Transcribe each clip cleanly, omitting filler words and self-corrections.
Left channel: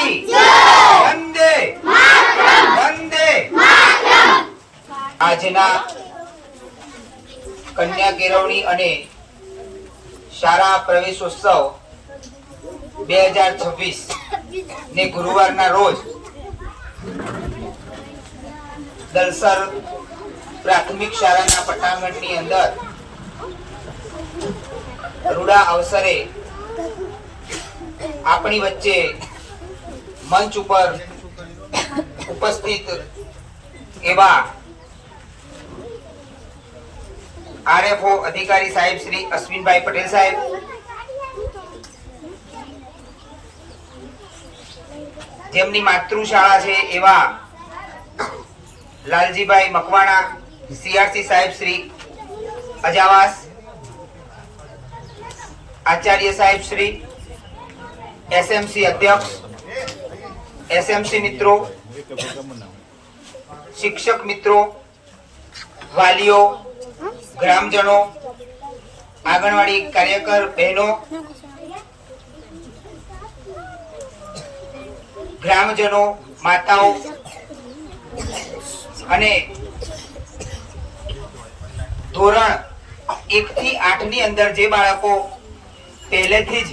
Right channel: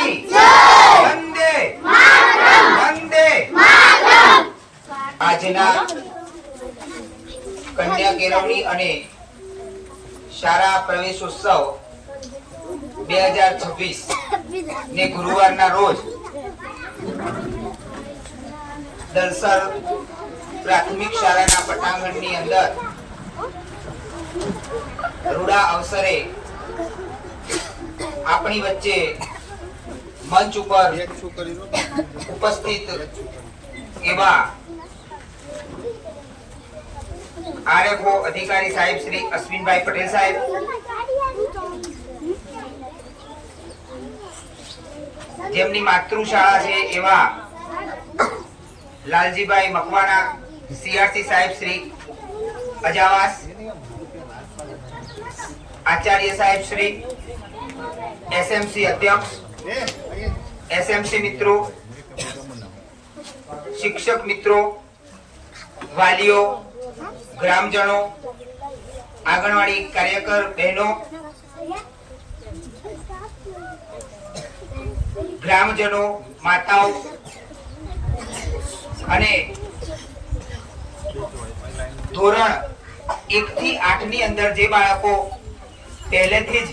की वंदे वंदे। આજના કન્યા કેળવણી અને શાળા પ્રવેશોત્સવ 2026 ને ગુરુવારના રોજ દલસર પ્રાથમિક શાળાના પટાંગણની અંદર રૂડા અવસરે આપણી વચ્ચે મંચ ઉપર ઉપસ્થિત એવા આરએફઓ અધિકારી સાહેબ શ્રી અશ્વિનભાઈ પટેલ સાહેબ, જેમની માતૃશાળા છે એવા લાલજીભાઈ મકવાણા, સીઆરસી સાહેબ શ્રી અજાવાસ, આચાર્ય સાહેબ શ્રી, એસએમસી અધ્યક્ષ, એસએમસી મિત્રો, શિક્ષક મિત્રો, વાલીઓ, ગ્રામજનો, આંગણવાડી કાર્યકર બહેનો, ગ્રામજનો, માતાઓ અને ધોરણ 1 થી 8 ની અંદર જે બાળકો પહેલેથી જ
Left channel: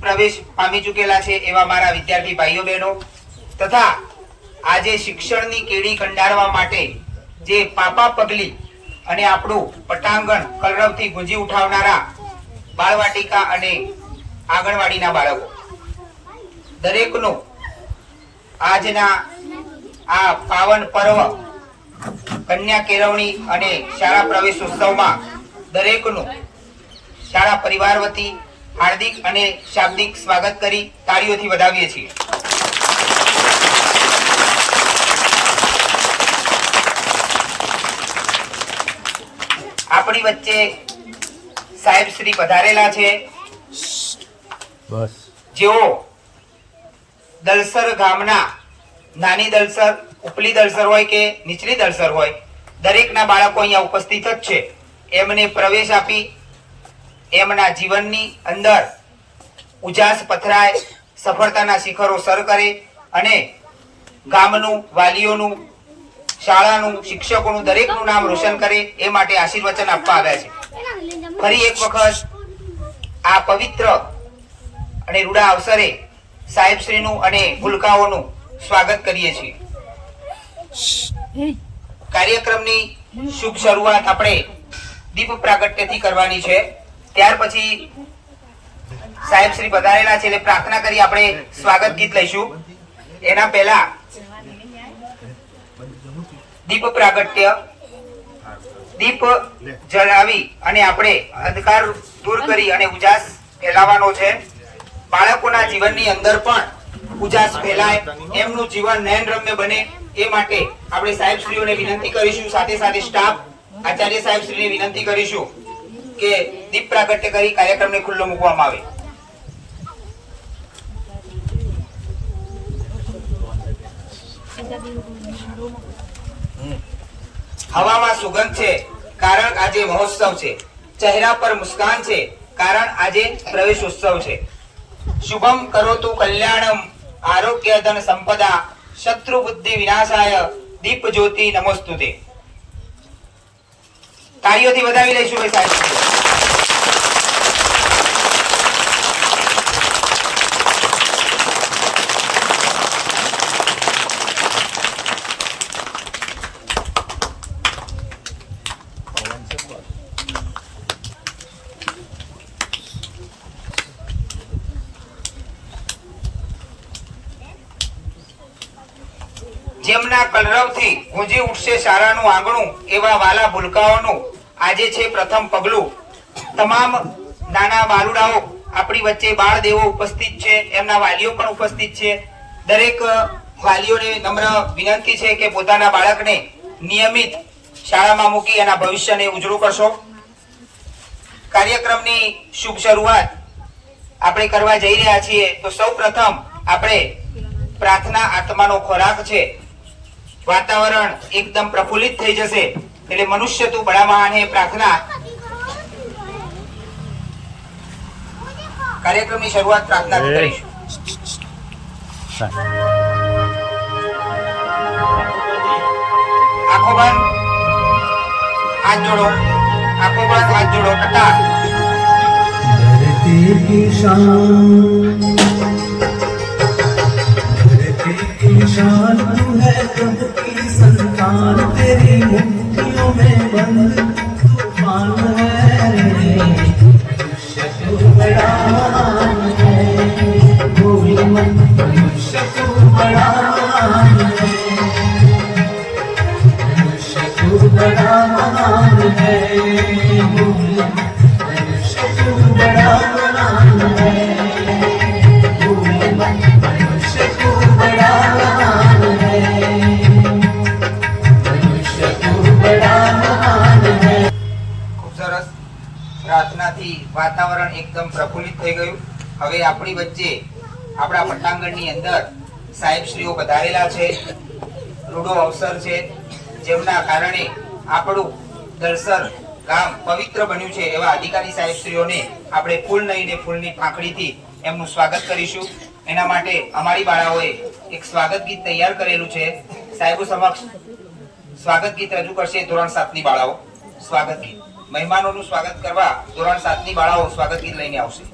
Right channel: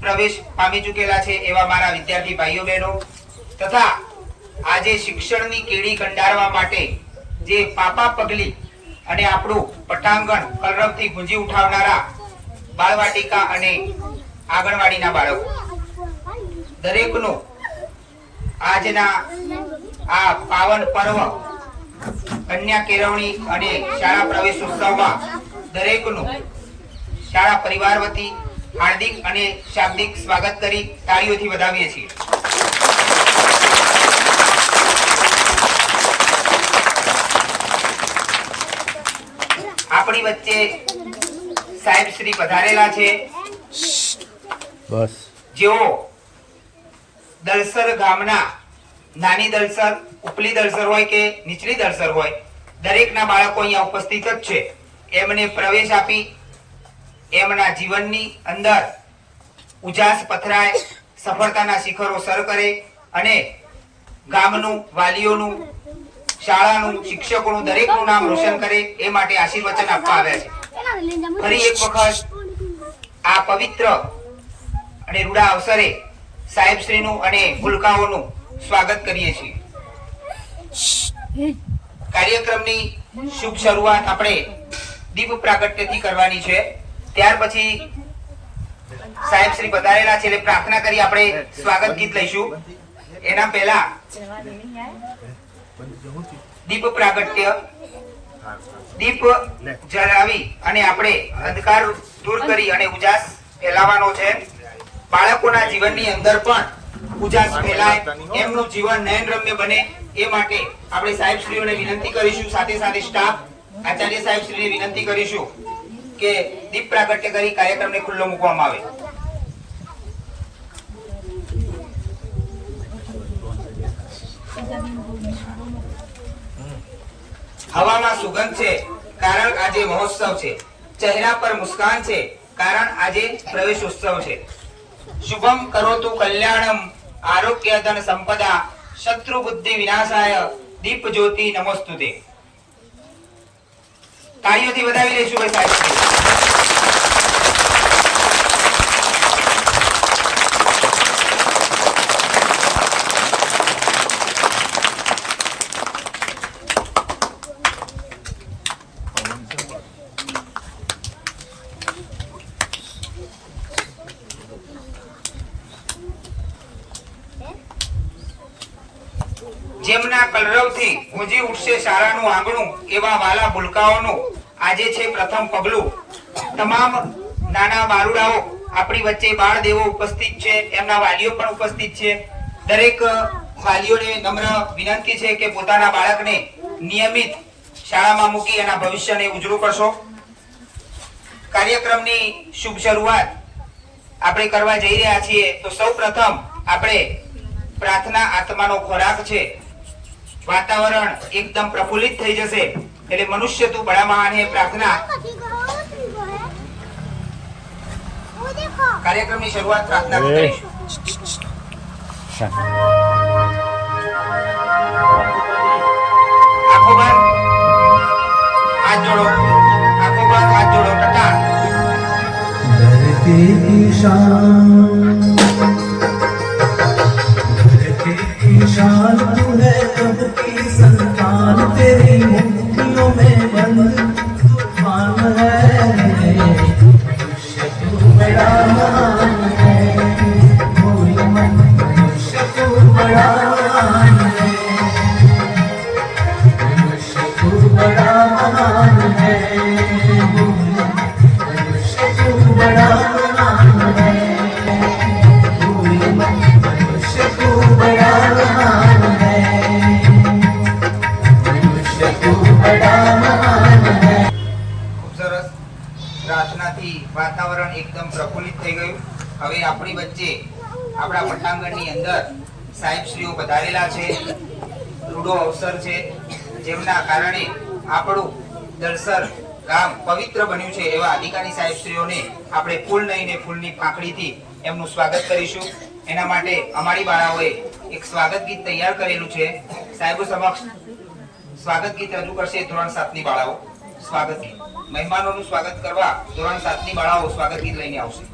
પ્રવેશ પામી ચૂકેલા છે એવા મારા વિદ્યાર્થી ભાઈઓ બહેનો તથા આજે શિક્ષણની કેડી કંડારવા માટે જે પાપા પગલી અને આપણું પટાંગણ કલરવથી ગુંજી ઉઠાવનારા બાળવાટિકા અને આંગણવાડીના બાળકો દરેકનું આજના આ પાવન પર્વ કન્યા કેળવણી અને શાળા પ્રવેશોત્સવમાં દરેકનું શાળા પરિવાર વતી હાર્દિક અને શાબ્દિક સ્વાગત કરી તાળીઓથી વધાવીએ છીએ. આપણી વચ્ચે સાહેબ શ્રી પધારેલા છે જેઓ દલસર ગામના નાની દલસર, ઉપલી દલસર હોય કે નીચલી દલસર હોય દરેકના બાળકો અહીંયા ઉપસ્થિત જ છે. એમને પ્રવેશ આપી એમના જીવનની અંદર ઉજાસ પથરાય, સફળતાના શિખરો સર કરે અને ગામનું, વાલીઓનું, શાળાનું, શિક્ષકોનું દરેકનું નામ રોશન કરે એ માટે આશીર્વચન આપવા આવ્યા છે. ફરી એક વખત આ પવિત્ર અને રૂડા અવસરે સાહેબશ્રીનું અને ભૂલકાઓનું સ્વાગત કરીએ છીએ. કાર્યક્રમની શુભ શરૂઆત આપણે દીપ પ્રાગટ્યથી કરવાની છે. ત્યાર પછી સાહેબ શ્રી પધારેલા છે એટલે પ્રાર્થના કરી આપણે સ્વાગત ગીત લઈશું. એના પહેલા દીપ પ્રાગટ્ય, દીપ જલાવી અને આપણે અંધકાર દૂર કરી અને ઉજાસ ફેલાવવાનો છે. બાળકોના જીવનની અંદર પણ ઉજાસ ફેલાય, એમનું જીવન નયનરમ્ય બને એ માટે આપણે સાહેબશ્રીઓને વિનંતી કરીશું. સાથે સાથે સ્ટાફ, આચાર્ય સાહેબશ્રીને વિનંતી કરીશું કે દીપ પ્રાગટ્ય કરી કાર્યક્રમને ખુલ્લો મૂકવામાં આવે. હવામાં સુગંધ છે કારણ આજે મહોત્સવ છે, ચહેરા પર મુસ્કાન છે કારણ આજે પ્રવેશોત્સવ છે. શુભમ કરોતુ કલ્યાણમ આરોગ્ય ધન સંપદા શત્રુ બુદ્ધિ વિનાશાય દીપ જ્યોતિ નમોસ્તુતે. તાળીઓથી વધાવી લઈશું ભાઈ સાહેબ. જેમના કલરવથી ગુંજી ઉઠશે શાળાનું આંગણું એવા વાલા ભૂલકાઓનું આજે છે પ્રથમ પગલું. તમામ નાના બાલુડાઓ આપણી વચ્ચે બાળ દેવો ઉપસ્થિત છે, એમના વાલીઓ પણ ઉપસ્થિત છે. દરેક વાલીઓને નમ્ર વિનંતી છે કે પોતાના બાળકને નિયમિત શાળામાં મૂકી એના ભવિષ્યને ઉજળું કરશો. કાર્યક્રમની શુભ શરૂઆત આપણે કરવા જઈ રહ્યા છીએ તો સૌ પ્રથમ આપણે પ્રાર્થના આત્માનો ખોરાક છે. વાતાવરણ એકદમ પ્રફુલ્લિત થઈ જશે એટલે મનુષ્ય તું બડા મહાન હે પ્રાર્થના કાર્યક્રમની શરૂઆત પ્રાર્થના કરીશું. આંખો બંધ, હાથ જોડો, આંખો બંધ, હાથ જોડો, ટકા. धरती की शान, धरती की शान तू है, कब की संतान तेरी मुट्ठियों में बंद तूफान है रे। मनुष्य क्यों बड़ा महान है, भूल मत मनुष्य क्यों बड़ा महान है, मनुष्य क्यों बड़ा महान है, भूल मत मनुष्य क्यों बड़ा महान है, भूल मत मनुष्य क्यों बड़ा महान है, मनुष्य क्यों बड़ा महान है। ખૂબ સરસ. પ્રાર્થનાથી વાતાવરણ એકદમ પ્રફુલ્લિત થઈ ગયું. હવે આપણી વચ્ચે આપણા પટાંગણની અંદર સાહેબશ્રીઓ પધારેલા છે. રૂડો અવસર છે, જેમના કારણે આપણું દલસર ગામ પવિત્ર બન્યું છે. એવા અધિકારી સાહેબશ્રીઓને આપણે ફૂલ નહીં ને ફૂલની પાંખડીથી એમનું સ્વાગત કરીશું. એના માટે અમારી બાળાઓએ એક સ્વાગત ગીત તૈયાર કરેલું છે. સાહેબો સમક્ષ સ્વાગત ગીત રજૂ કરશે ધોરણ 7 ની બાળાઓ. સ્વાગત ગીત, મહેમાનોનું સ્વાગત કરવા ધોરણ 7 ની બાળાઓ સ્વાગત ગીત લઈને આવશે.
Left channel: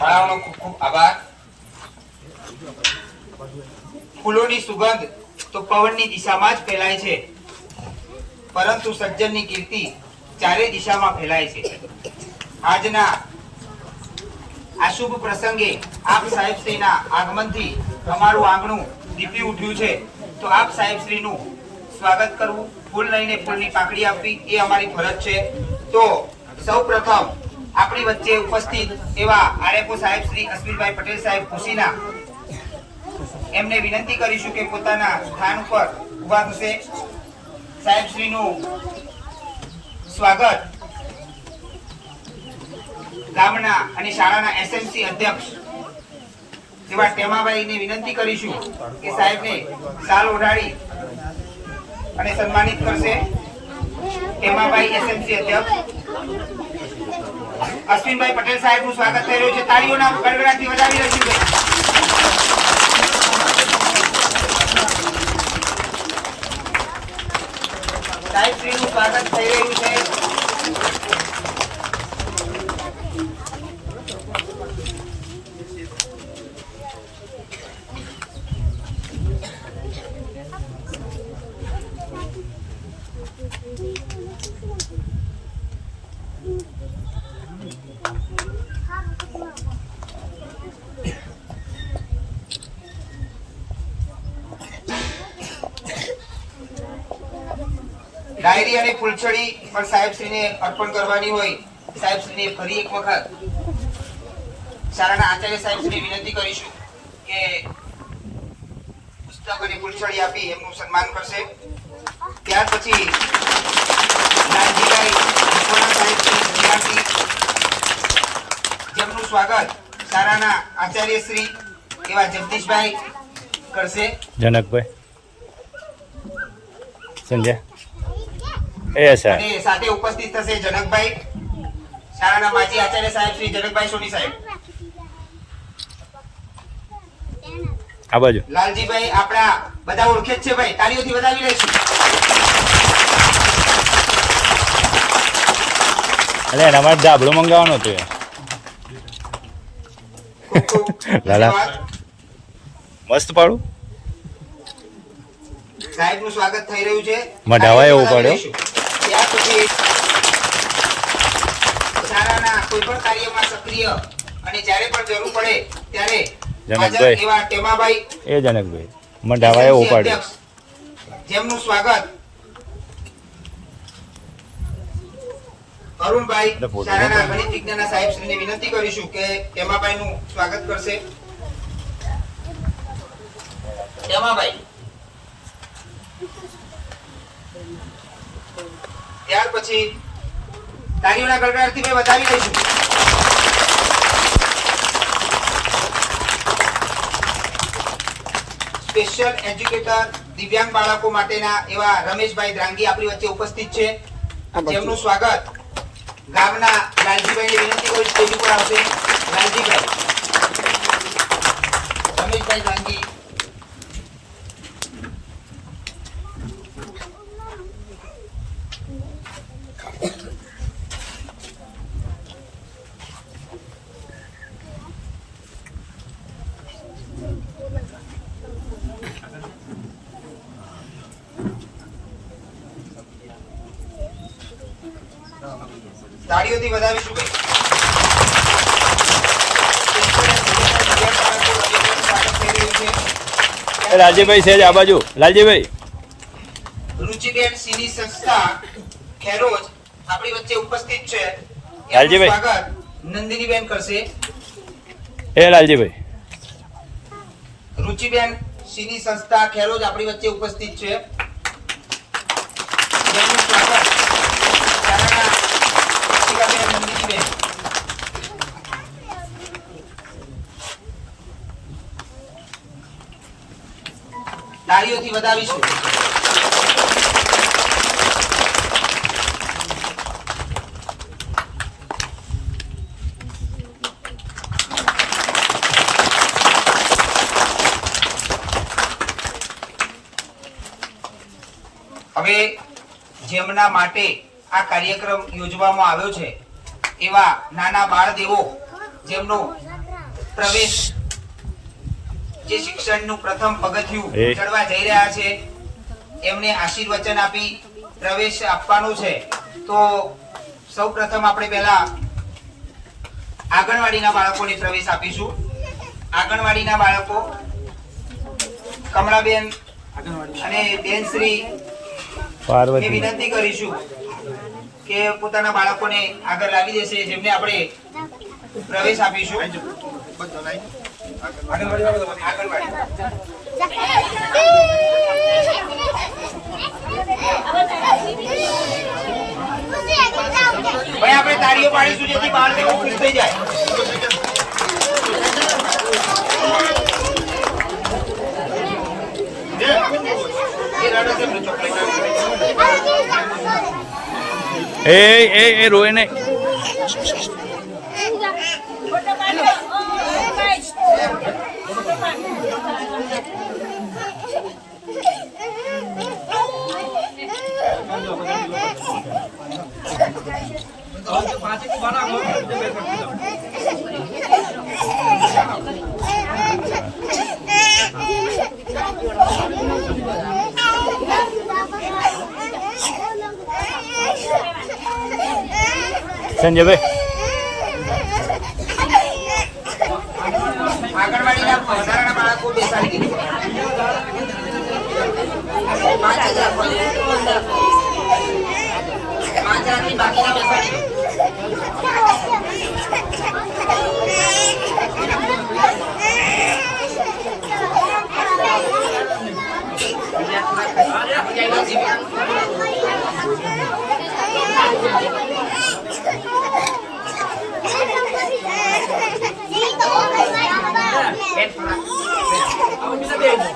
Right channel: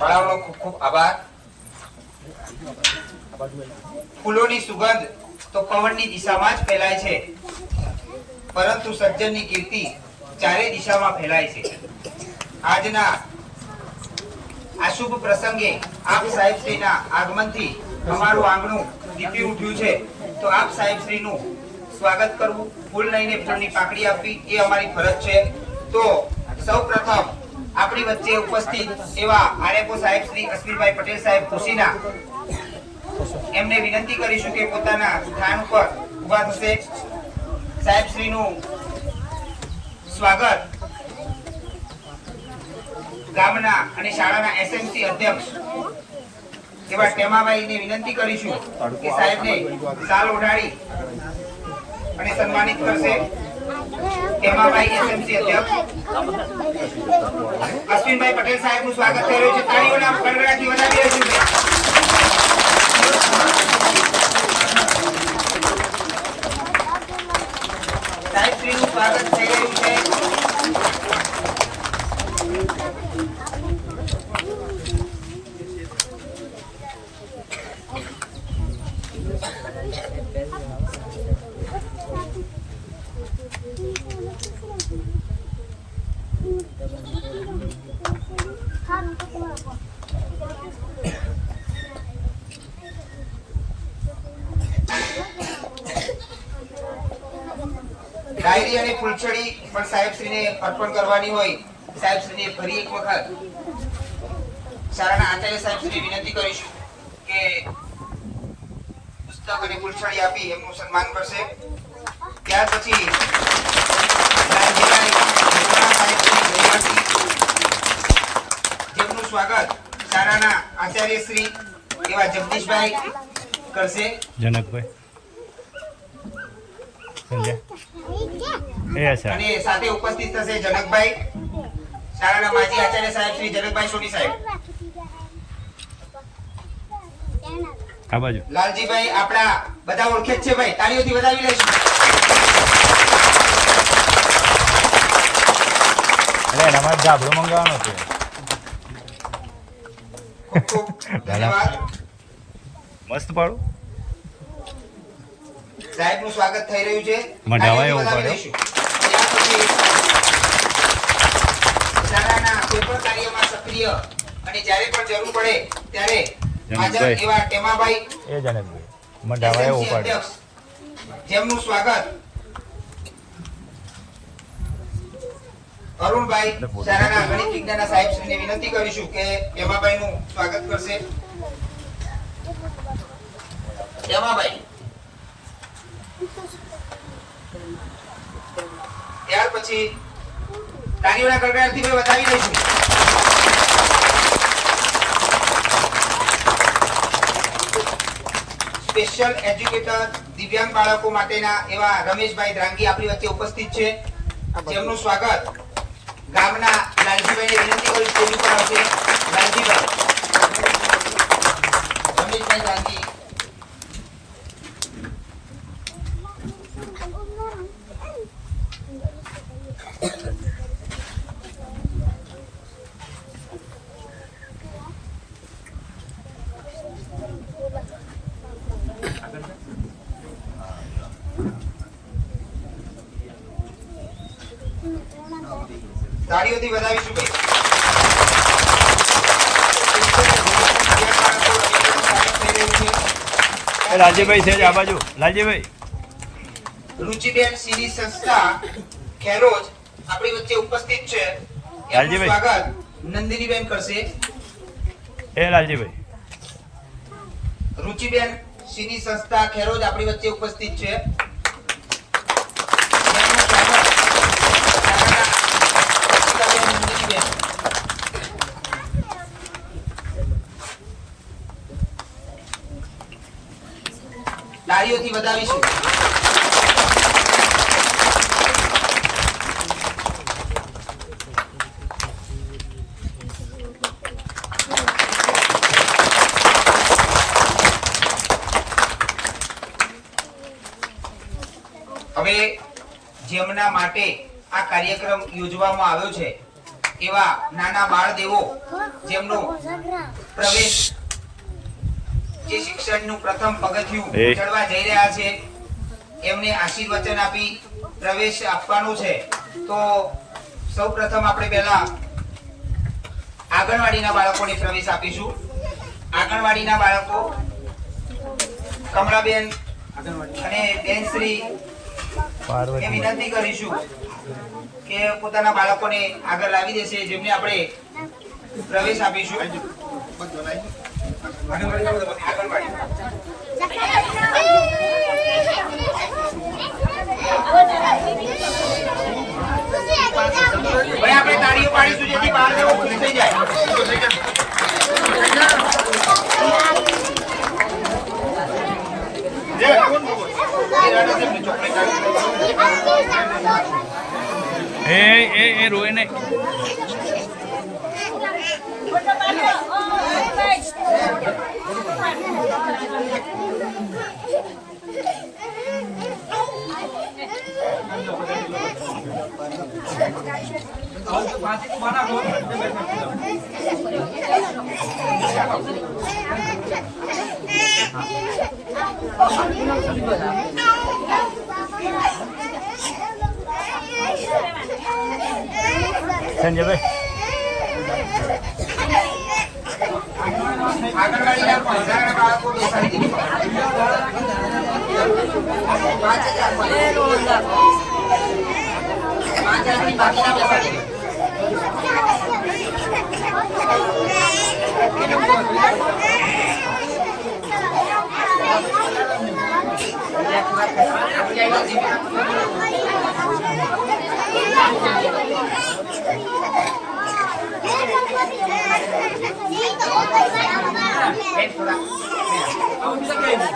બાળાઓનો ખૂબ ખૂબ આભાર. ફૂલોની સુગંધ તો પવનની દિશામાં જ ફેલાય છે, પરંતુ સજ્જનની કીર્તિ ચારે દિશામાં ફેલાય છે. આજના આ શુભ પ્રસંગે આપ સાહેબશ્રીના આગમનથી અમારું આંગણું દીપી ઉઠ્યું છે. તો આપ સાહેબશ્રીનું સ્વાગત કરવું, ફૂલ લઈને ફૂલની પાંખડી આપવી એ અમારી ફરજ છે. તો સૌપ્રથમ આપણી વચ્ચે ઉપસ્થિત એવા આરએફઓ સાહેબ શ્રી અશ્વિનભાઈ પટેલ સાહેબ ખુશીના એમને વિનંતી કરીશું કે પોતાના સ્થાન ઉપર ઊભા થશે. સાહેબ શ્રીનું સ્વાગત ગામના અને શાળાના એસએમસી અધ્યક્ષ એવા ટેમાભાઈને વિનંતી કરીશું કે સાહેબને શાલ ઓઢાડી અને સન્માનિત કરશે. ટેમાભાઈ એસએમસી અધ્યક્ષ અશ્વિનભાઈ પટેલ સાહેબનું સ્વાગત થઈ રહ્યું છે. તાળીઓના ગડગડાટથી વધાવી રહ્યું છે. સાહેબ શ્રીનું સ્વાગત થઈ રહ્યું છે. ડાયરી અને ફૂલછડી પણ સાહેબશ્રીને અર્પણ કરવાની હોય. સાહેબશ્રીને ફરી એક વખત શાળાના આચાર્ય સાહેબશ્રીને વિનંતી કરીશું કે પુસ્તક અને ફૂલછડી આપી એમનું સન્માન કરશે. ત્યાર પછી લાલજીભાઈ મકવાણા સાહેબની વિદ્યાર્થી જેમનું સ્વાગત શાળાના આચાર્ય શ્રી એવા જગદીશભાઈ કરશે. જનકભાઈ સંજય એ સર અને સાથે ઉપસ્થિત થશે જનકભાઈ, શાળાના માજી આચાર્ય સાહેબ શ્રી જનકભાઈ સોની સાહેબ. આ બાજુ લાલજીભાઈ આપણા બધા ઓળખે જ છે ભાઈ, તાળીઓથી વધાવી લઈશું. એટલે એના માટે ધાબળો મંગાવવાનો હતો યાર. ખૂબ ખૂબ લાલા. ધન્યવાદ. મસ્ત પાડું સાહેબનું સ્વાગત થઈ રહ્યું છે. મઢાવા એવું તાળીઓથી પડે. વધાવી લઈશું. ત્યાર પછી શાળાના કોઈ પણ કાર્યમાં સક્રિય અને જ્યારે પણ જરૂર પડે ત્યારે હાજર જનકભાઈ. એવા ટેમાભાઈ એ જનકભાઈ મંડાવા એવું SMC પાડ્યું. અધ્યક્ષ, જેમનું સ્વાગત અરુણભાઈ શાળાના ગણિત વિજ્ઞાનના સાહેબ શ્રીને વિનંતી કરીશું કે ટેમાભાઈ નું સ્વાગત કરશે. ટેમાભાઈ. ત્યાર પછી તાળીઓના ગડગડાટથી ભાઈ વધાવી લઈશું. સ્પેશિયલ એજ્યુકેટર દિવ્યાંગ બાળકો માટેના એવા રમેશભાઈ દ્રાંગી આપણી વચ્ચે ઉપસ્થિત છે, જેમનું સ્વાગત ગામના લાલજીભાઈને વિનંતી કરું સ્ટેજ ઉપર આવશે. લાલજીભાઈ, રમેશભાઈ દ્રાંગી. તાળીઓથી વધાવીશું ભાઈ. લાલજીભાઈ છે આ બાજુ. લાલજીભાઈ રુચિબેન સીની સંસ્થા ખેરોજ આપણી વચ્ચે ઉપસ્થિત છે. એમનું લાલજીભાઈ. સ્વાગત નંદિનીબેન કરશે. એ લાલજીભાઈ રુચિબેન સીની સંસ્થા ખેરોજ આપણી વચ્ચે ઉપસ્થિત છે. એમનું સ્વાગત શાળાના શિક્ષિકાબેન નંદિનીબેન. તાળીઓથી વધાવીશું. હવે જેમના માટે આ કાર્યક્રમ યોજવામાં આવ્યો છે એવા નાના બાળદેવો જેમનો પ્રવેશ જે શિક્ષણનું પ્રથમ પગથિયું એ. ચડવા જઈ રહ્યા છે એમને આશીર્વચન આપી પ્રવેશ આપવાનો છે. તો સૌ પ્રથમ આપણે પહેલા આંગણવાડીના બાળકોને પ્રવેશ આપીશું. આંગણવાડીના બાળકો કમળાબેન અને બેનશ્રી ને પાર્વતી વિનંતી કરીશું કે પોતાના બાળકોને આગળ લાવી દેશે, જેમને આપણે પ્રવેશ આપીશું. આંગણવાડી. ભાઈ આપણે તાળીઓ પાડીશું જેથી બાળકો ખુશ થઈ જાય. એ રોય ને. સંજયભાઈ આંગણવાડીના વધારાના બાળકો બેસાડી દીધું. 5 જ રાખવાના. 5 રાખી બાકીના બેસાડી દો.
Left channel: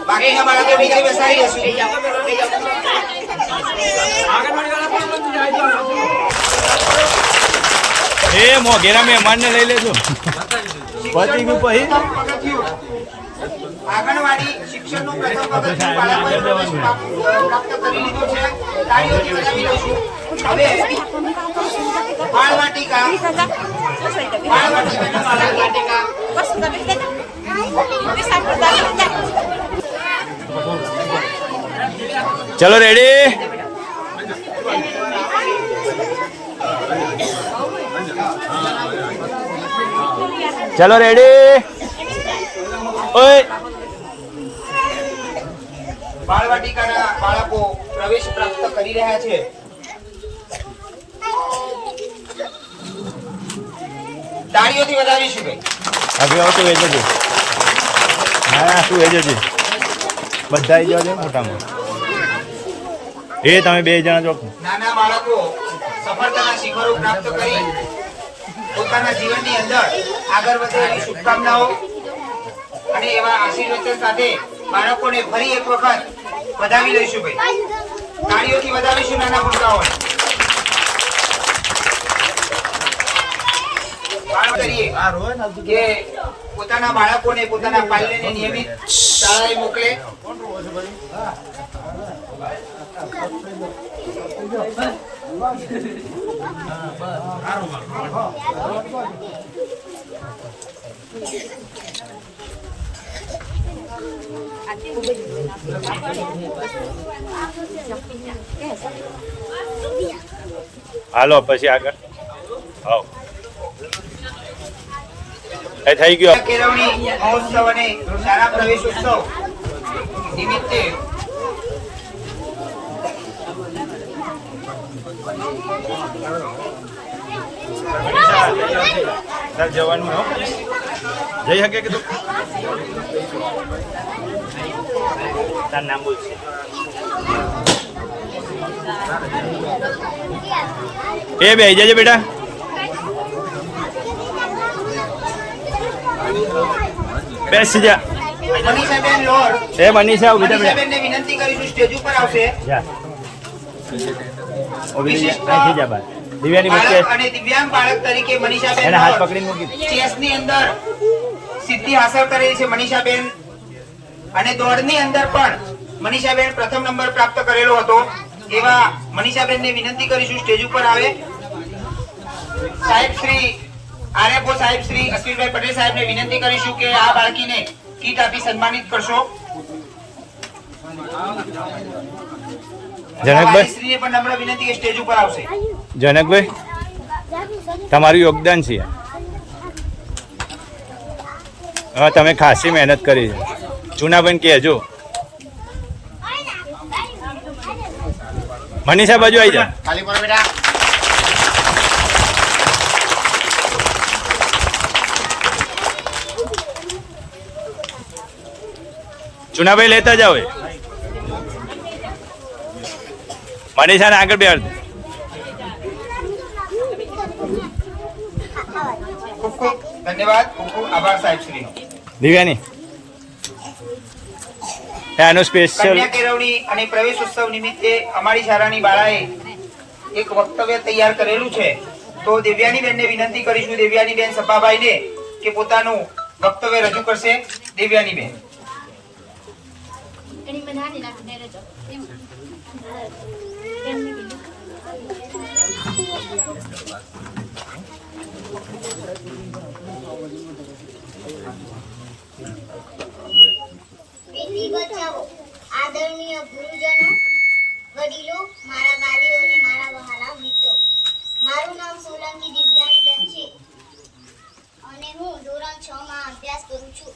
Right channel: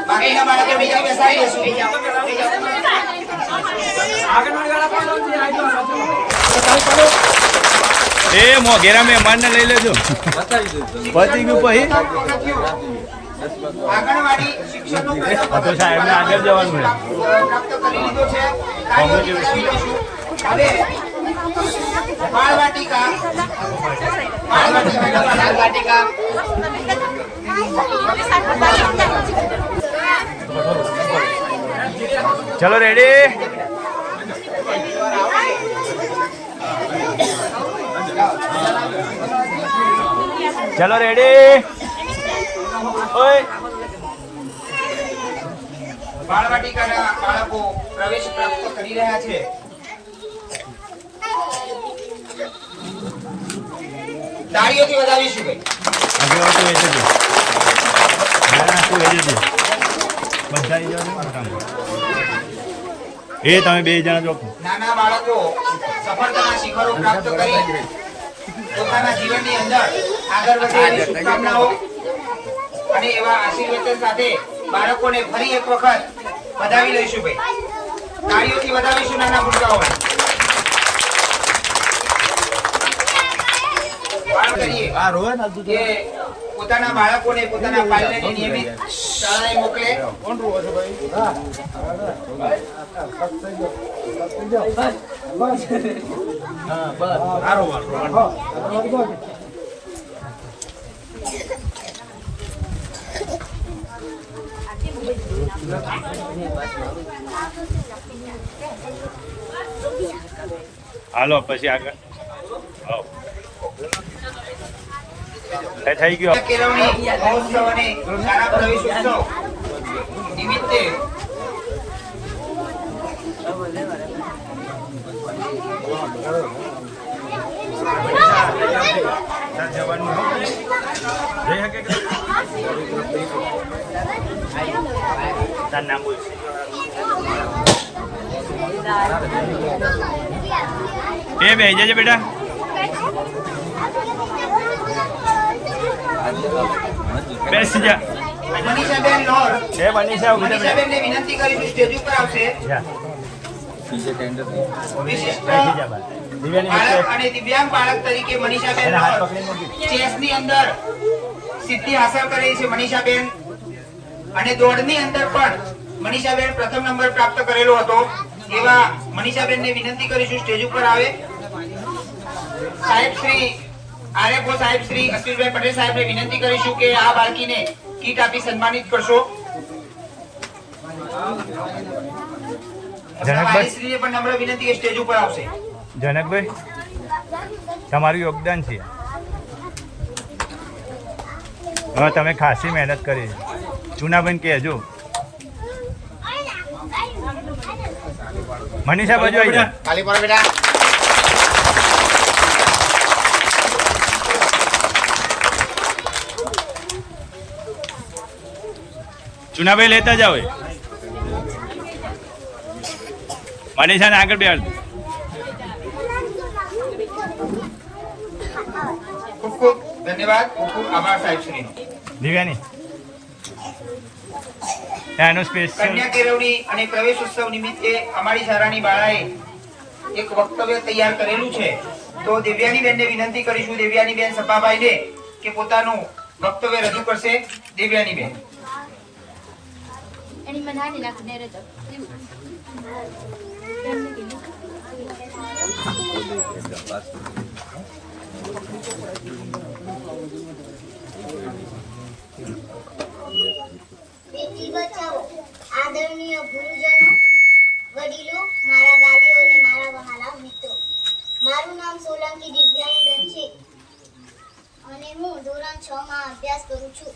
બાકીના બાળકો બીજા બેસાડી દેશું. એ મોઘેરા મહેમાનને લઈ લેજો. પતી ગયું પછી આંગણવાડી શિક્ષણનું પ્રથમ તો સાહેબને આગળ જવાનું છે. પ્રાપ્ત કરી લીધો છે. તાળીઓથી વધાવી દઈશું. હવે બાળવાટિકા ચલો રેડી. ચલો રેડી. ઓય બાળવાટિકાના બાળકો પ્રવેશ પ્રાપ્ત કરી રહ્યા છે. તાળીઓથી વધાવીશું ભાઈ. આગળ આવતું એ જજો. ના શું એ જજો. બધા આવી જાવ મોટામાં. એ તમે બે જણા જો. નાના બાળકો સફળતાના શિખરો પ્રાપ્ત કરી પોતાના જીવનની અંદર આગળ વધે એવી શુભકામનાઓ અને એવા આશીર્વાદ સાથે બાળકોને ફરી એક વખત વધાવી લઈશું ભાઈ. તાળીઓથી વધાવીશું નાના ભૂલકાઓને. કરીએ કે પોતાના બાળકોને પોતાના પાલ્યને નિયમિત શાળાએ મોકલે. હાલો પછી આગળ. આવો એ થઈ ગયો. કેળવણી મહોત્સવ અને શાળા પ્રવેશ ઉત્સવ નિમિત્તે જવાનું જઈ શકે કે નામ બોલ. એ બે જજે બેટા. બેસી જા. મનીષાબેન લોર છે મનીષા ઉભી થા. મનીષાબેનને વિનંતી કરીશું સ્ટેજ ઉપર આવશે. વિશિષ્ટ દિવ્યાની બાળક અને દિવ્યાંગ બાળક તરીકે મનીષાબેન હાથ લોર પકડી મૂકી. ચેસની અંદર સિદ્ધિ હાંસલ કરી છે મનીષાબેન, અને દોડની અંદર પણ મનીષાબેન પ્રથમ નંબર પ્રાપ્ત કરેલો હતો. એવા મનીષાબેનને વિનંતી કરીશું સ્ટેજ ઉપર આવે. સાહેબ શ્રી આરએફઓ સાહેબ શ્રી અશ્વિનભાઈ પટેલ સાહેબને વિનંતી કરીશું કે આ બાળકીને કીટ આપી સન્માનિત કરશો. જનકભાઈ શ્રીને પણ નમ્ર વિનંતી કે સ્ટેજ ઉપર આવશે. જનકભાઈ તમારું યોગદાન છે. હવે તમે ખાસી મહેનત કરી છે. ચુનાબેન કહેજો. મનીષા બાજુ આવી જા. ખાલી પર બેટા. ચુનાભાઈ લેતા જાઓ. મનીષાને આગળ બેહાડ. ખૂબ ખૂબ ધન્યવાદ. ખૂબ ખૂબ આભાર સાહેબ શ્રી. દિવ્યાની આનું સ્પેશિયલ કન્યા કેળવણી અને પ્રવેશ ઉત્સવ નિમિત્તે અમારી શાળાની બાળાએ એક વક્તવ્ય તૈયાર કરેલું છે. તો દેવ્યાની બેનને વિનંતી કરીશું, દેવ્યાની બેન સપાભાઈને, કે પોતાનું વક્તવ્ય રજૂ કરશે. દેવ્યાની બેન. એની મને હાની નાખ દે રજો એમને કીધું બેટી બચાવો. આદરણીય ગુરુજનો, વડીલો, મારા વાલીઓ અને મારા વહાલા મિત્રો, મારું નામ સોલંકી દિવ્યાંગબેન છે અને હું ધોરણ 6 માં અભ્યાસ કરું છું.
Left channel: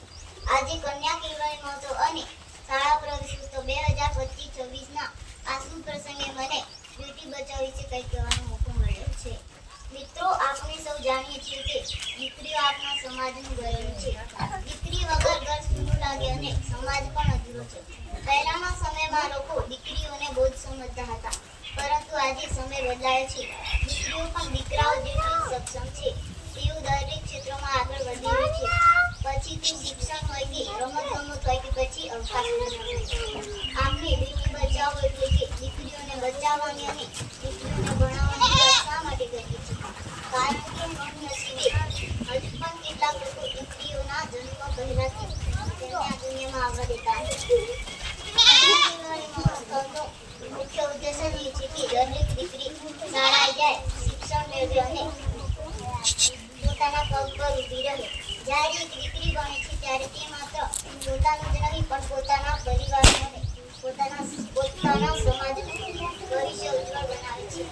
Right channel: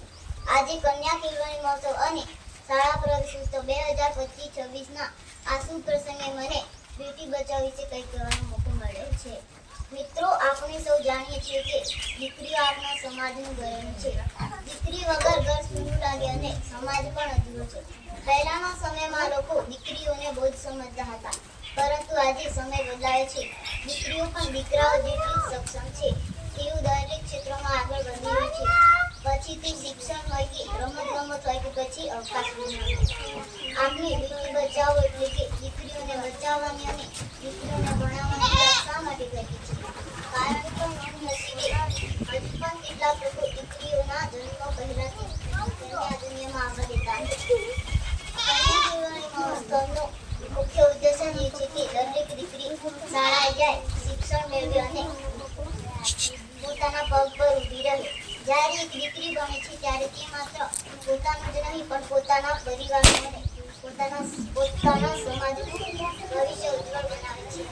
આજે કન્યા કેળવણી મહોત્સવ અને શાળા પ્રવેશ ઉત્સવ 2025-26 ના આ શુભ પ્રસંગે મને બેટી બચાવ વિશે કંઈક કહેવાનો મોકો મળ્યો છે. મિત્રો, આપણે સૌ જાણીએ છીએ કે દીકરીઓ આપણા સમાજનું ગૌરવ છે. દીકરી વગર ઘર સૂનું લાગે અને સમાજ પણ અધૂરો છે. પહેલાના સમયમાં લોકો દીકરીઓને બહુ જ સમજતા હતા, પરંતુ આજે સમય બદલાયો છે. દીકરીઓ પણ દીકરાઓ જેટલી જ સક્ષમ છે. તેઓ દરેક ક્ષેત્રમાં આગળ વધી રહ્યું છે. પછી તે શિક્ષણ હોય કે રમત ગમત હોય કે પછી અવકાશ વિજ્ઞાન. આપણે બેટી બચાવો એટલે કે દીકરીઓને બચાવવાની અને દીકરીઓને ભણાવવાની વાત શા માટે કરીએ છીએ? કારણ કે નસીબે હજુ પણ કેટલાક લોકો દીકરીઓના જન્મ પહેલાથી તેમને આ દુનિયામાં આવવા દેતા નથી. મહોત્સવનો મુખ્ય ઉદ્દેશ જ એ છે કે દરેક દીકરી શાળાએ જાય, શિક્ષણ મેળવે અને પોતાના પગ પર ઊભી રહે. જ્યારે એક દીકરી બને છે ત્યારે તે માત્ર પોતાનું જ નહીં પણ પોતાના પરિવારનું અને પોતાના સમાજનું ભવિષ્ય ઉજ્જવળ બનાવે છે.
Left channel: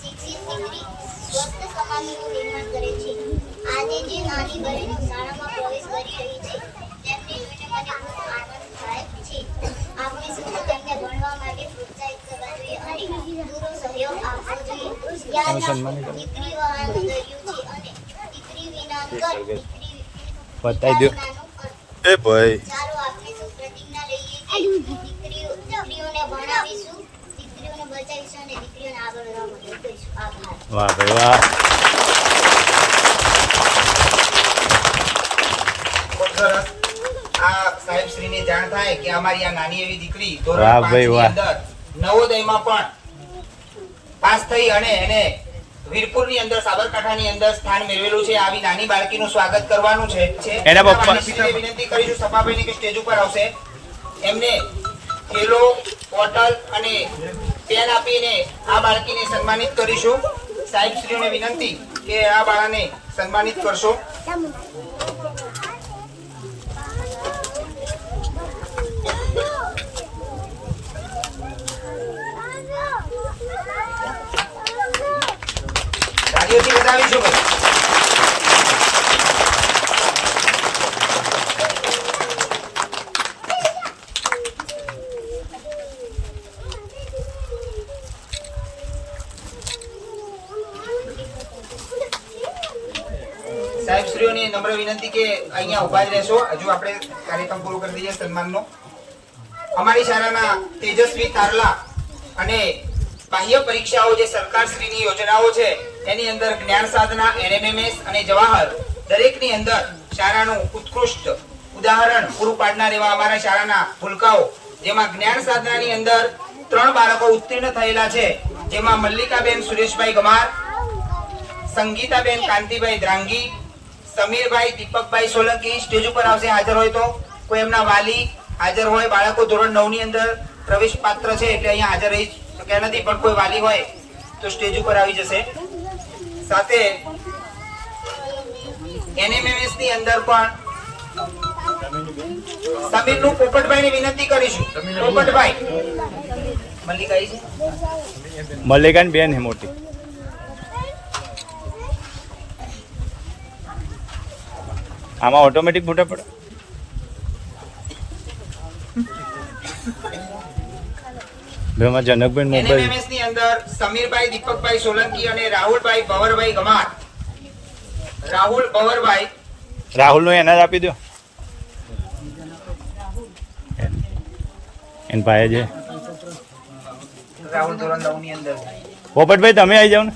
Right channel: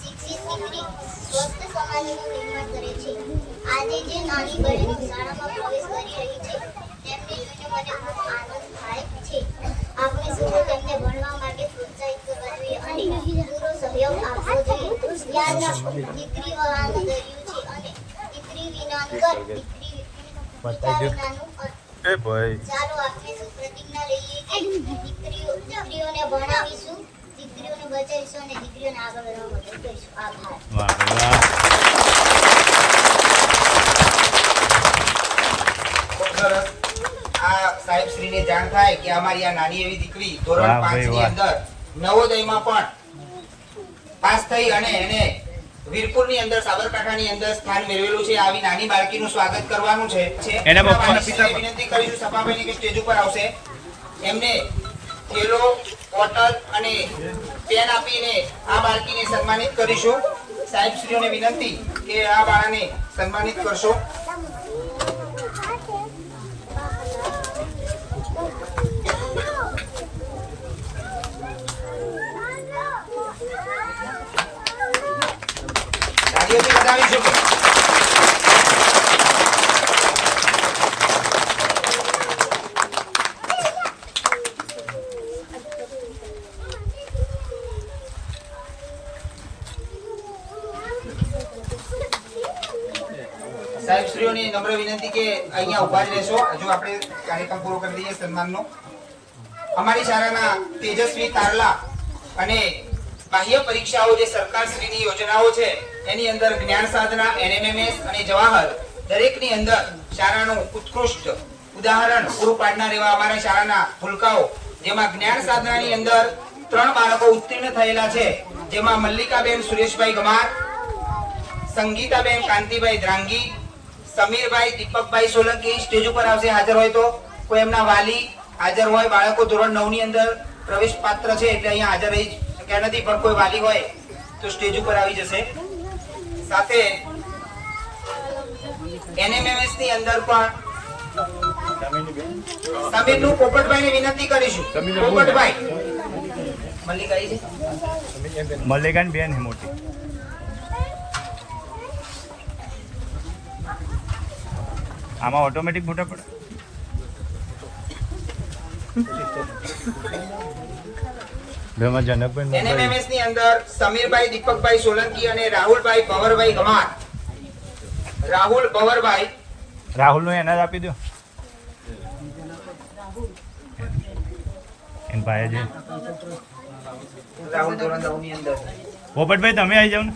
શિક્ષિત દીકરી સ્વસ્થ સમાજનું નિર્માણ કરે છે. આજે જે નાની બહેનો શાળામાં પ્રવેશ કરી રહી છે તેમને જોઈને મને ખૂબ આનંદ થાય છે. આપણે સૌએ તેમને ભણવા માટે પ્રોત્સાહિત કરવા જોઈએ અને પૂરો સહયોગ આપવો જોઈએ. યાદ રાખો, દીકરી વહાણનો દરિયો છે અને દીકરી વિનાનું ઘર, દીકરી બતાવી દો. એ ભાઈ ચાલો આપણે સૌ પ્રતિજ્ઞા લઈએ કે દીકરીઓને ભણાવીશું, દીકરીઓને બચાવીશું અને દીકરીઓને આગળ વધવા મદદ કરીશું. આભાર. વાહ ભાઈ વાહ. ખૂબ સરસ. આ સાહેબ શ્રીને જાણ થાય કે અમારી આ નાની એવી દીકરી ધોરણ વાહ 5 ભાઈ ની વાહ. અંદર નવોદયમાં પણ પાસ થઈ અને એને વીરપુરની અંદર સાબરકાંઠાની અંદર સ્થાન મેળવેલું છે. આવી નાની બાળકીનું સ્વાગત કરવાનું છે. એના પપ્પા- વાલીશ્રીને વિનંતી કરીશું સભાભાઈને કે સ્ટેજ ઉપર આવશે. એમને થેલો, બોટલ અને પેન આપીને આ બાળકીને સન્માનિત કરીશું. સાહેબશ્રીઓને વિનંતી કે આ બાળાને સન્માનિત કરશો. તાળીઓથી વધાવીશું ભાઈ. સાહેબશ્રીઓને નમ્ર વિનંતી કે અહીંયા ઉભા જ રહેશો. હજુ આપણે કાર્યક્રમ પૂરો કરી દઈએ સન્માનનો. અમારી શાળાના તેજસ્વી તારલા અને બાહ્ય પરીક્ષાઓ જે સરકારશ્રીની યોજનાઓ છે એની અંદર જ્ઞાન સાધના, NMMS અને જવાહર દરેકની અંદર શાળાનું ઉત્કૃષ્ટ ઉદાહરણ પૂરું પાડનાર એવા અમારા શાળાના ભૂલકાઓ, જેમાં જ્ઞાન સાધનાની અંદર 3 બાળકો ઉત્તીર્ણ થયેલા છે, જેમાં મલ્લિકાબેન સુરેશભાઈ ગમાર, સંગીતાબેન કાંતિભાઈ દ્રાંગી, સમીરભાઈ દીપકભાઈ સોલંકી. સ્ટેજ ઉપર આવશે હાજર હોય તો. કોઈ એમના વાલી હાજર હોય, બાળકો ધોરણ 9 ની અંદર પ્રવેશ પાત્ર છે એટલે અહીંયા હાજર રહી શક્યા નથી, પણ કોઈ વાલી હોય તો સ્ટેજ ઉપર આવી જશે. સાથે NMMS ની અંદર પણ સમીરનું પોપટભાઈને વિનંતી કરીશું. પોપટભાઈ મલ્લિકા છે, મલ્લિકાની બેન છે મોટી. આમાં ઓટોમેટિક ફોટા પડે. એમાં જનકબેન મોબાઈલ. NMMS ની અંદર સમીરભાઈ દીપકભાઈ સોલંકી અને રાહુલભાઈ ભવરભાઈ ગમાર. રાહુલ ભવરભાઈ રાહુલનો એના જ આપી દો. એન ભાઈ છે રાહુલ ધોરણ 9 ની અંદર. પોપટભાઈ તમે આવી જાઓ ને.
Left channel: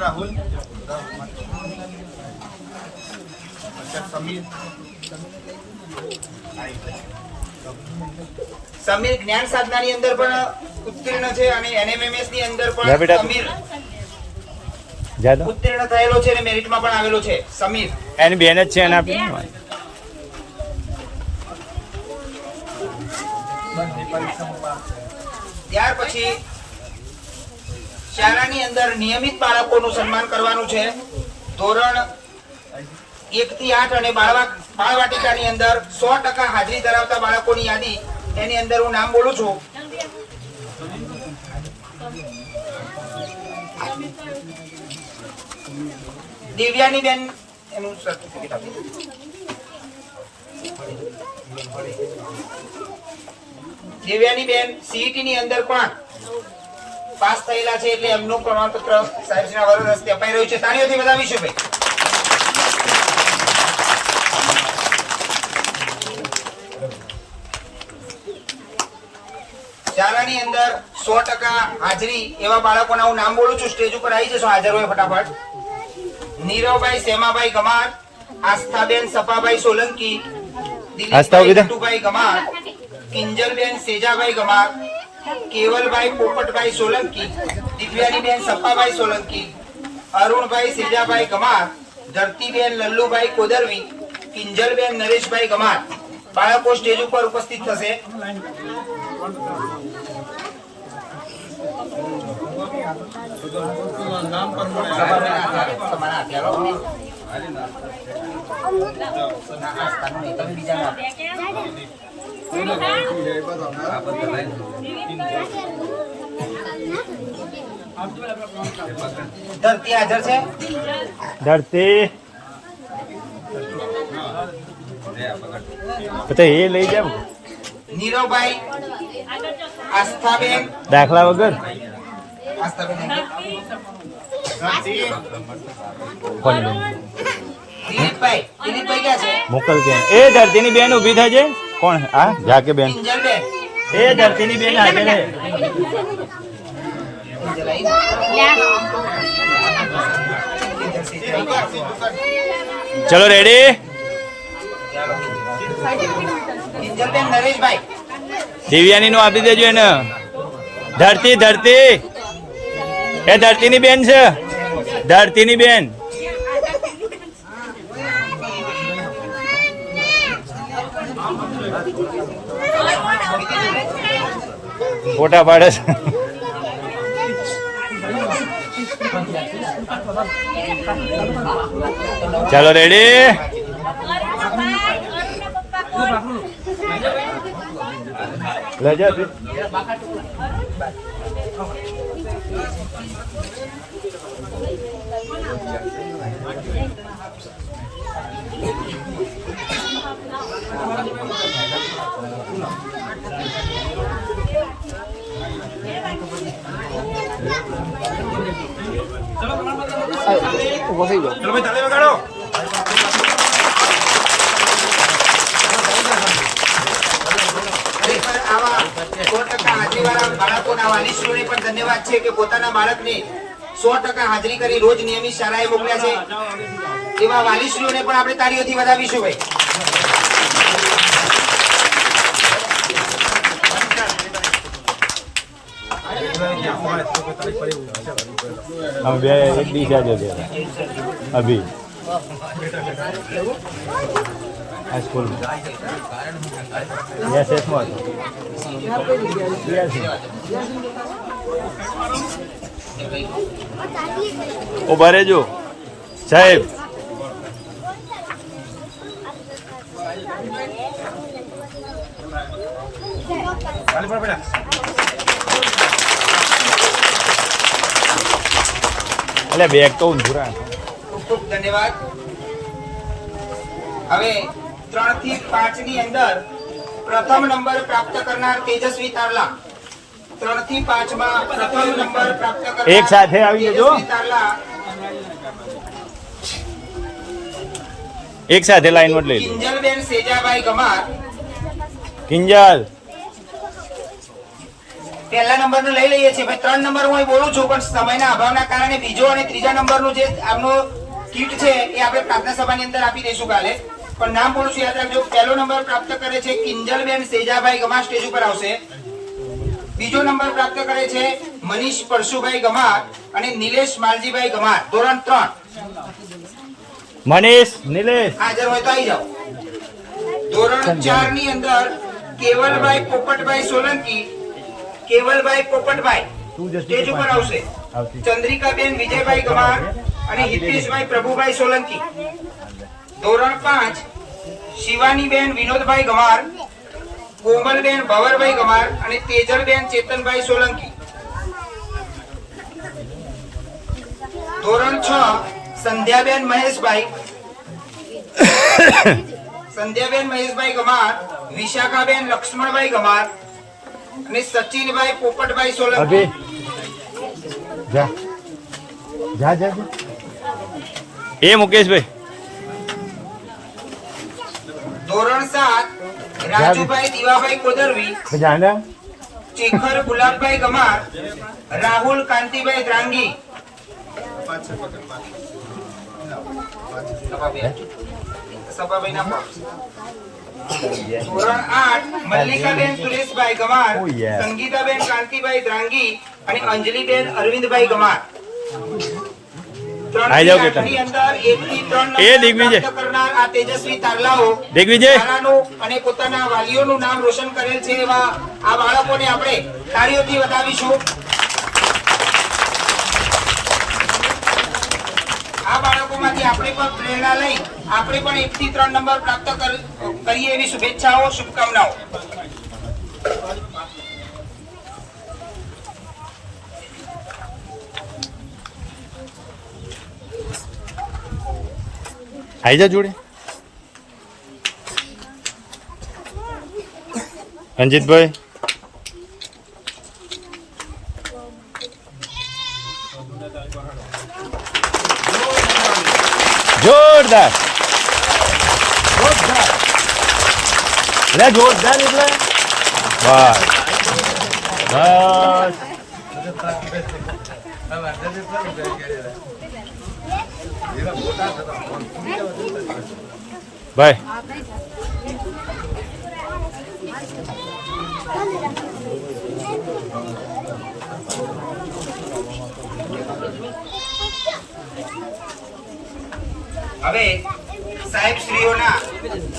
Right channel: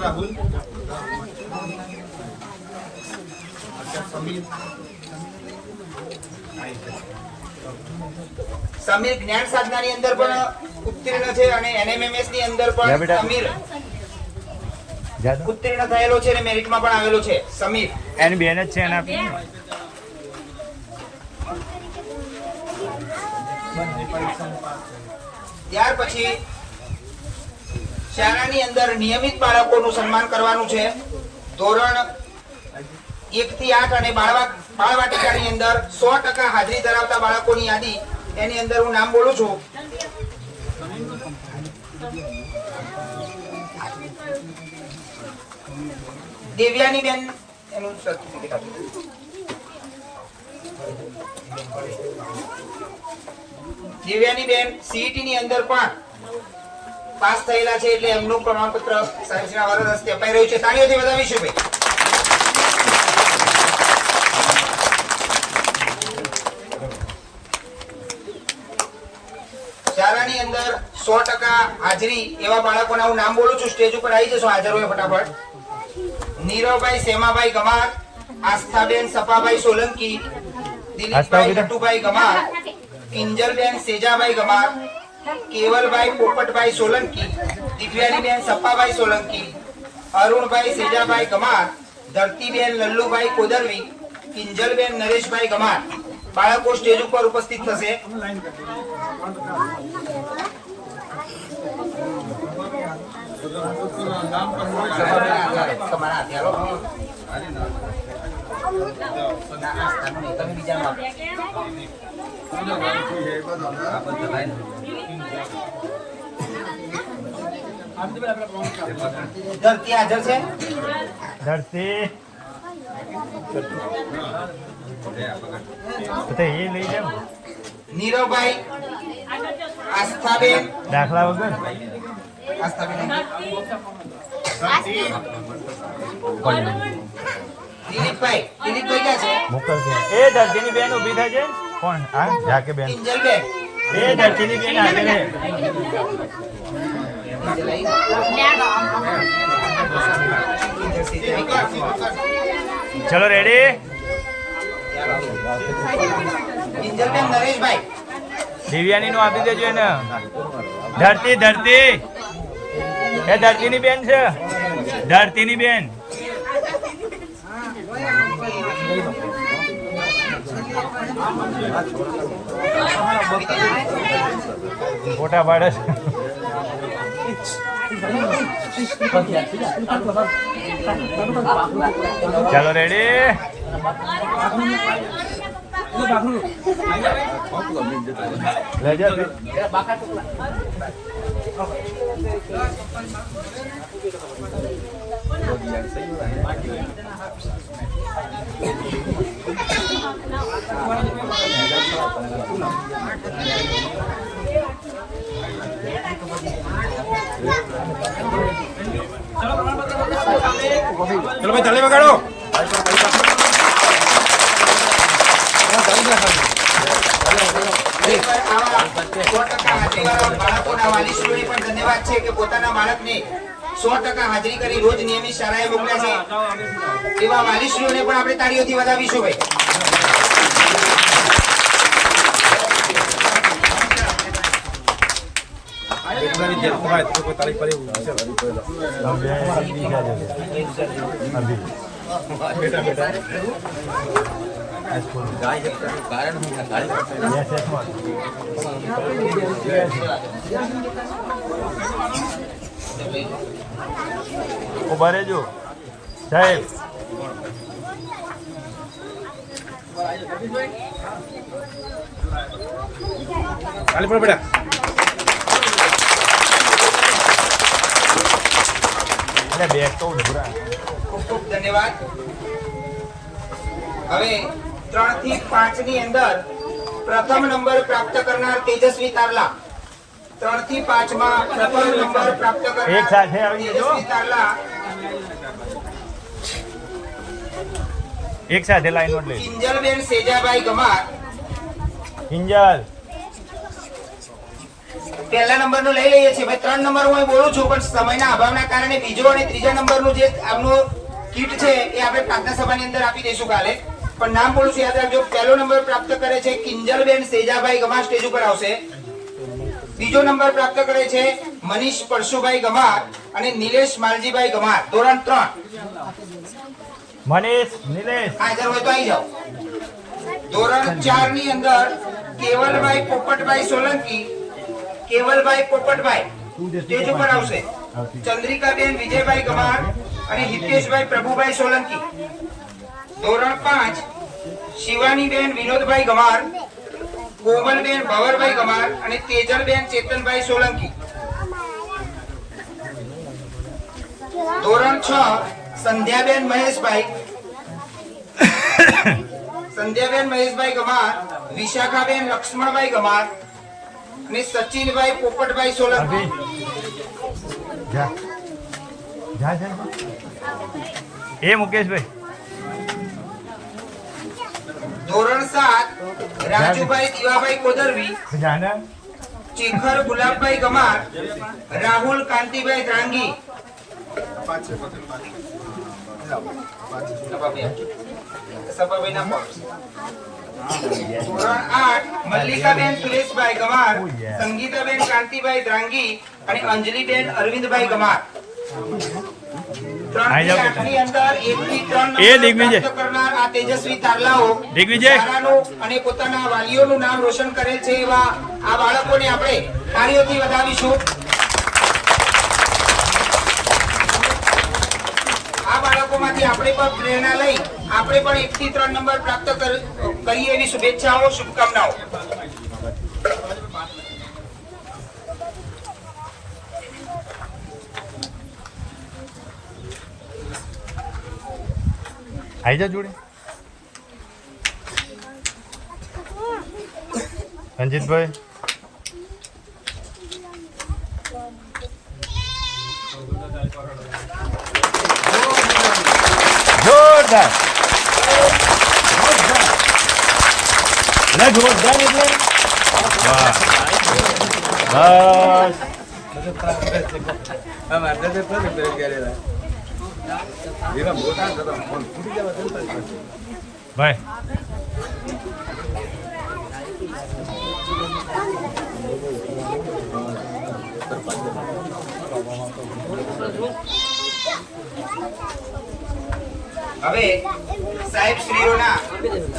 રાહુલ સમીર જ્ઞાન સાધનાની અંદર પણ ઉત્તીર્ણ છે અને NMMS ની અંદર જા પણ બેટા. સમીર જા તો. ઉત્તીર્ણ થયેલો છે અને મેરિટમાં પણ આવેલો છે. સમીર એની બેન જ છે એને આપી દો. ત્યાર પછી શાળાની અંદર નિયમિત બાળકોનું સન્માન કરવાનું છે. ધોરણ 1 થી 8 અને બાળવાટિકાની અંદર 100% હાજરી ધરાવતા બાળકોની યાદી એની અંદર હું નામ બોલું છું. દિવ્યાની બેન એનું સર્ટિફિકેટ આપી દો. દિવ્યાની બેન સીઈટી ની અંદર પણ પાસ થયેલા છે એટલે એમનું પ્રમાણપત્ર સાહેબના વરદ હસ્તે અપાઈ રહ્યું છે. તાળીઓથી વધાવીશું ભાઈ. શાળાની અંદર 100% હાજરી એવા બાળકોના હું નામ બોલું છું. સ્ટેજ ઉપર આવી જશો હાજર હોય ફટાફટ. નીરવભાઈ સેમાભાઈ ગમાર, આસ્થાબેન સપાભાઈ સોલંકી, દિલીપભાઈ નટુભાઈ ગમાર, કિંજલબેન સેજાભાઈ ગમાર, કેવલભાઈ પોપટભાઈ સોલંકી, દિવ્યાનીબેન સપાભાઈ સોલંકી, અરુણભાઈ સેજાભાઈ ગમાર, ધરતીબેન લલ્લુભાઈ કોદરવી, કિંજલબેન નરેશભાઈ ગમાર. બાળકો સ્ટેજ ઉપર ઉપસ્થિત થશે. ધરતી હાજર છે. ધરતી તો એ લઈ જાવ નીરવભાઈ, આસ્થાબેન, દાખલા વગર આસ્થાબેન, દિલીપભાઈ, દિલીપભાઈ ક્યાં છે? મોકલ કે એ ધરતીની બેન ઊભી થાય છે. કોણ? આ જાકે બેન. કિંજલબેન, એ ધરતીની બેન હાજર છે. કિંજલ આવી? ચલો રેડી. કિંજલબેન નરેશભાઈ, દિવ્યાની નું આપી દેજો એને. ધરતી ધરતી એ ધરતીની બેન છે. ધરતીની બેન ફોટા પાડે છે. ચલો રેડી. લઈ જા તું. ચલો ભાઈ તાળી વગાડો. ખરેખર આવા 100% હાજરીવાળા બાળકોના વાલીશ્રીઓને પણ ધન્યવાદ છે કે પોતાના બાળકને 100% હાજરી કરી રોજ નિયમિત શાળાએ મોકલ્યા છે. એવા વાલીશ્રીઓને પણ આપણે તાળીઓથી વધાવીશું ભાઈ. हम गए एक दिशा जो है अभी स्कूल यस यस उभा રહેજો સાહેબ. ખાલી પર બેટા. એટલે બેગ તો ઊંધું. ખૂબ ખૂબ ધન્યવાદ. હવે 3 થી 5 ની અંદર પ્રથમ નંબર પ્રાપ્ત કરનાર તેજસ્વી તારલા. 3 થી 5 માં પ્રથમ નંબર પ્રાપ્ત કરનાર એક સાથે આવી જજો. તેજસ્વી તારલા એક સાથે લાઈન નોટ લઈ લો. કિંજલબેન સેજાભાઈ ગમાર. કિંજલ પહેલા નંબરનું લઈ લઈએ છીએ ભાઈ. 3 નંબર હું અહીં બોલું છું પણ સમયના અભાવના કારણે બીજો અને ત્રીજા નંબરનું જે આપનો કીટ છે એ આપણે પ્રાર્થના સભાની અંદર આપી દઈશું કાલે. પણ નામ બોલું છું યાદ રાખજો. પહેલો નંબર પ્રાપ્ત કરે છે કિંજલબેન સેજાભાઈ ગમાર, સ્ટેજ ઉપર આવશે. બીજો નંબર પ્રાપ્ત કરે છે મનીષ પરશુભાઈ ગમાર અને નિલેશ માલજીભાઈ ગમાર, ધોરણ 3. મનીષ નિલેશ હાજર હોય તો આવી જાઓ. ધોરણ 4 ની અંદર કેવલભાઈ પોપટભાઈ સોલંકી, કેવલભાઈ પોપટભાઈ સ્ટેજ ઉપર આવશે. ચંદ્રિકાબેન વિજયભાઈ ગમાર અને હિતેશભાઈ પ્રભુભાઈ સોલંકી. ધોરણ 5 શિવાનીબેન વિનોદભાઈ ગમાર, કોમલબેન ભવરભાઈ ગમાર અને તેજલબેન ચેતનભાઈ સોલંકી. ધોરણ 6 સંધ્યાબેન મહેશભાઈ ગમાર, વિશાખાબેન લક્ષ્મણભાઈ ગમાર અને સચિનભાઈ પોપટભાઈ સોલંકી. જા જા જા એ મુકેશભાઈ. ધોરણ 7 રાજુભાઈ દીવાભાઈ કોદરવી, જાના ચેખર ગુલાબભાઈ ગમાર, રાહુલ કાંતિભાઈ દ્રાંગી. સભાભાઈના પક્ષ. ધોરણ 8 મલ્લિકાબેન સુરેશભાઈ ગમાર, સંગીતાબેન કાંતિભાઈ દ્રાંગી અને અંજલિબેન અરવિંદભાઈ ગમાર. આઈ જાઓ બેટા. ની અંદર 1 થી 3 એ દિગ્વિજય. પ્રાપ્ત કરનાર આ તેજસ્વી તારલાઓ દિગ્વિજય. શાળાનું અને પોતાના વાલીઓનું નામ રોશન કરેલ છે એવા આ બાળકોને આપણે તાળીઓથી વધાવીશું. આ બાળકોમાંથી આપણે પણ પ્રેરણા લઈ આપણે પણ 1 થી 3 નંબર પ્રાપ્ત કરીએ એવી શુભેચ્છાઓ, શુભકામનાઓ. આઈ જા જોડે. રંજીતભાઈ. જોરદાર જોરદાર એટલે વાહ બસ. ભાઈ હવે સાહેબ શ્રીઓના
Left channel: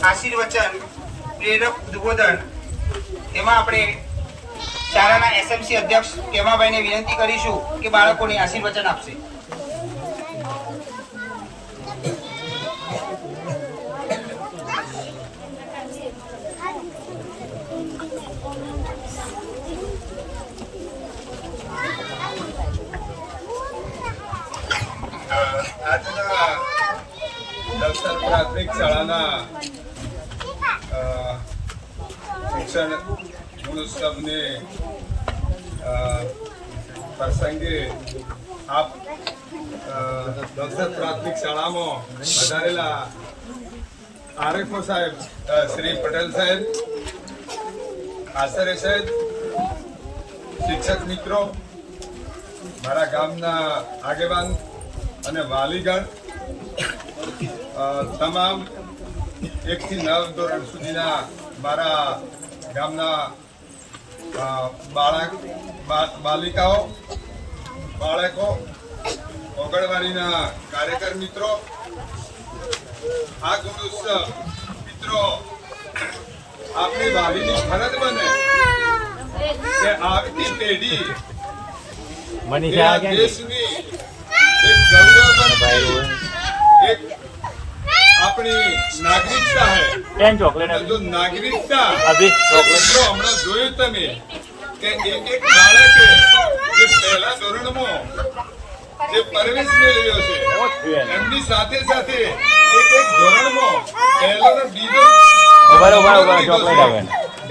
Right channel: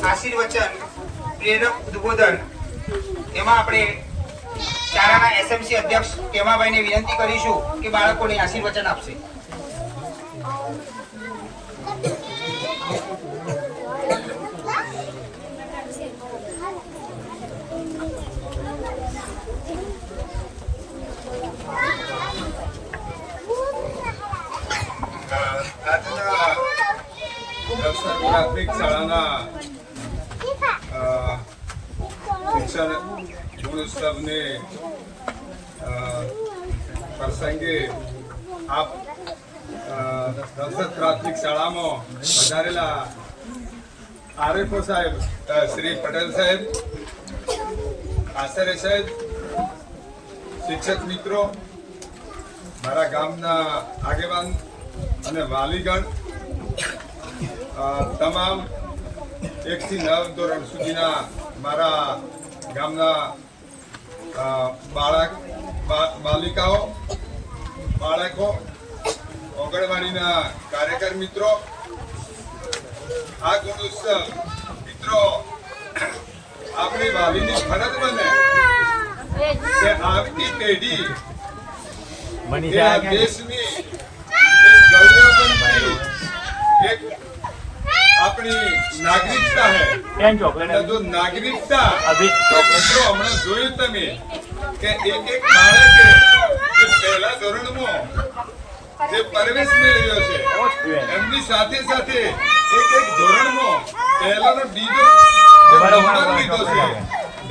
આશીર્વચન, પ્રેરક ઉદ્બોધન એમાં આપણે શાળાના એસએમસી અધ્યક્ષ કેમાભાઈને વિનંતી કરીશું કે બાળકોને આશીર્વચન આપશે. આજના દક્ષર પ્રાથમિક શાળાના શિક્ષણ ગુણોત્સવને પ્રસંગે આપ દક્ષર પ્રાથમિક શાળામાં વધારેલા આરએફઓ સાહેબ, શ્રી પટેલ સાહેબ, આચાર્ય સાહેબ, શિક્ષક મિત્રો, મારા ગામના આગેવાન અને વાલીગણ, તમામ 1 થી 9 ધોરણ સુધીના મારા ગામના બાલિકાઓ, બાળકો, ઓગણવાડીના કાર્યકર મિત્રો, આ ગુણોત્સવ મિત્રો આપણી વાલીની ફરજ બને કે આવતી પેઢી એ આ દેશની એક ગૌરવવંતી એક આપણી નાગરિકતા है जो नागरिकता तो મિત્રો હમણાં જોયું તમે કે એક બાળકે જે પહેલા ધોરણમાં જે પ્રવેશ મેળવ્યો છે એમની સાથે સાથે એક ધોરણમાં પહેલો ને બીજો નંબર લીધો છે.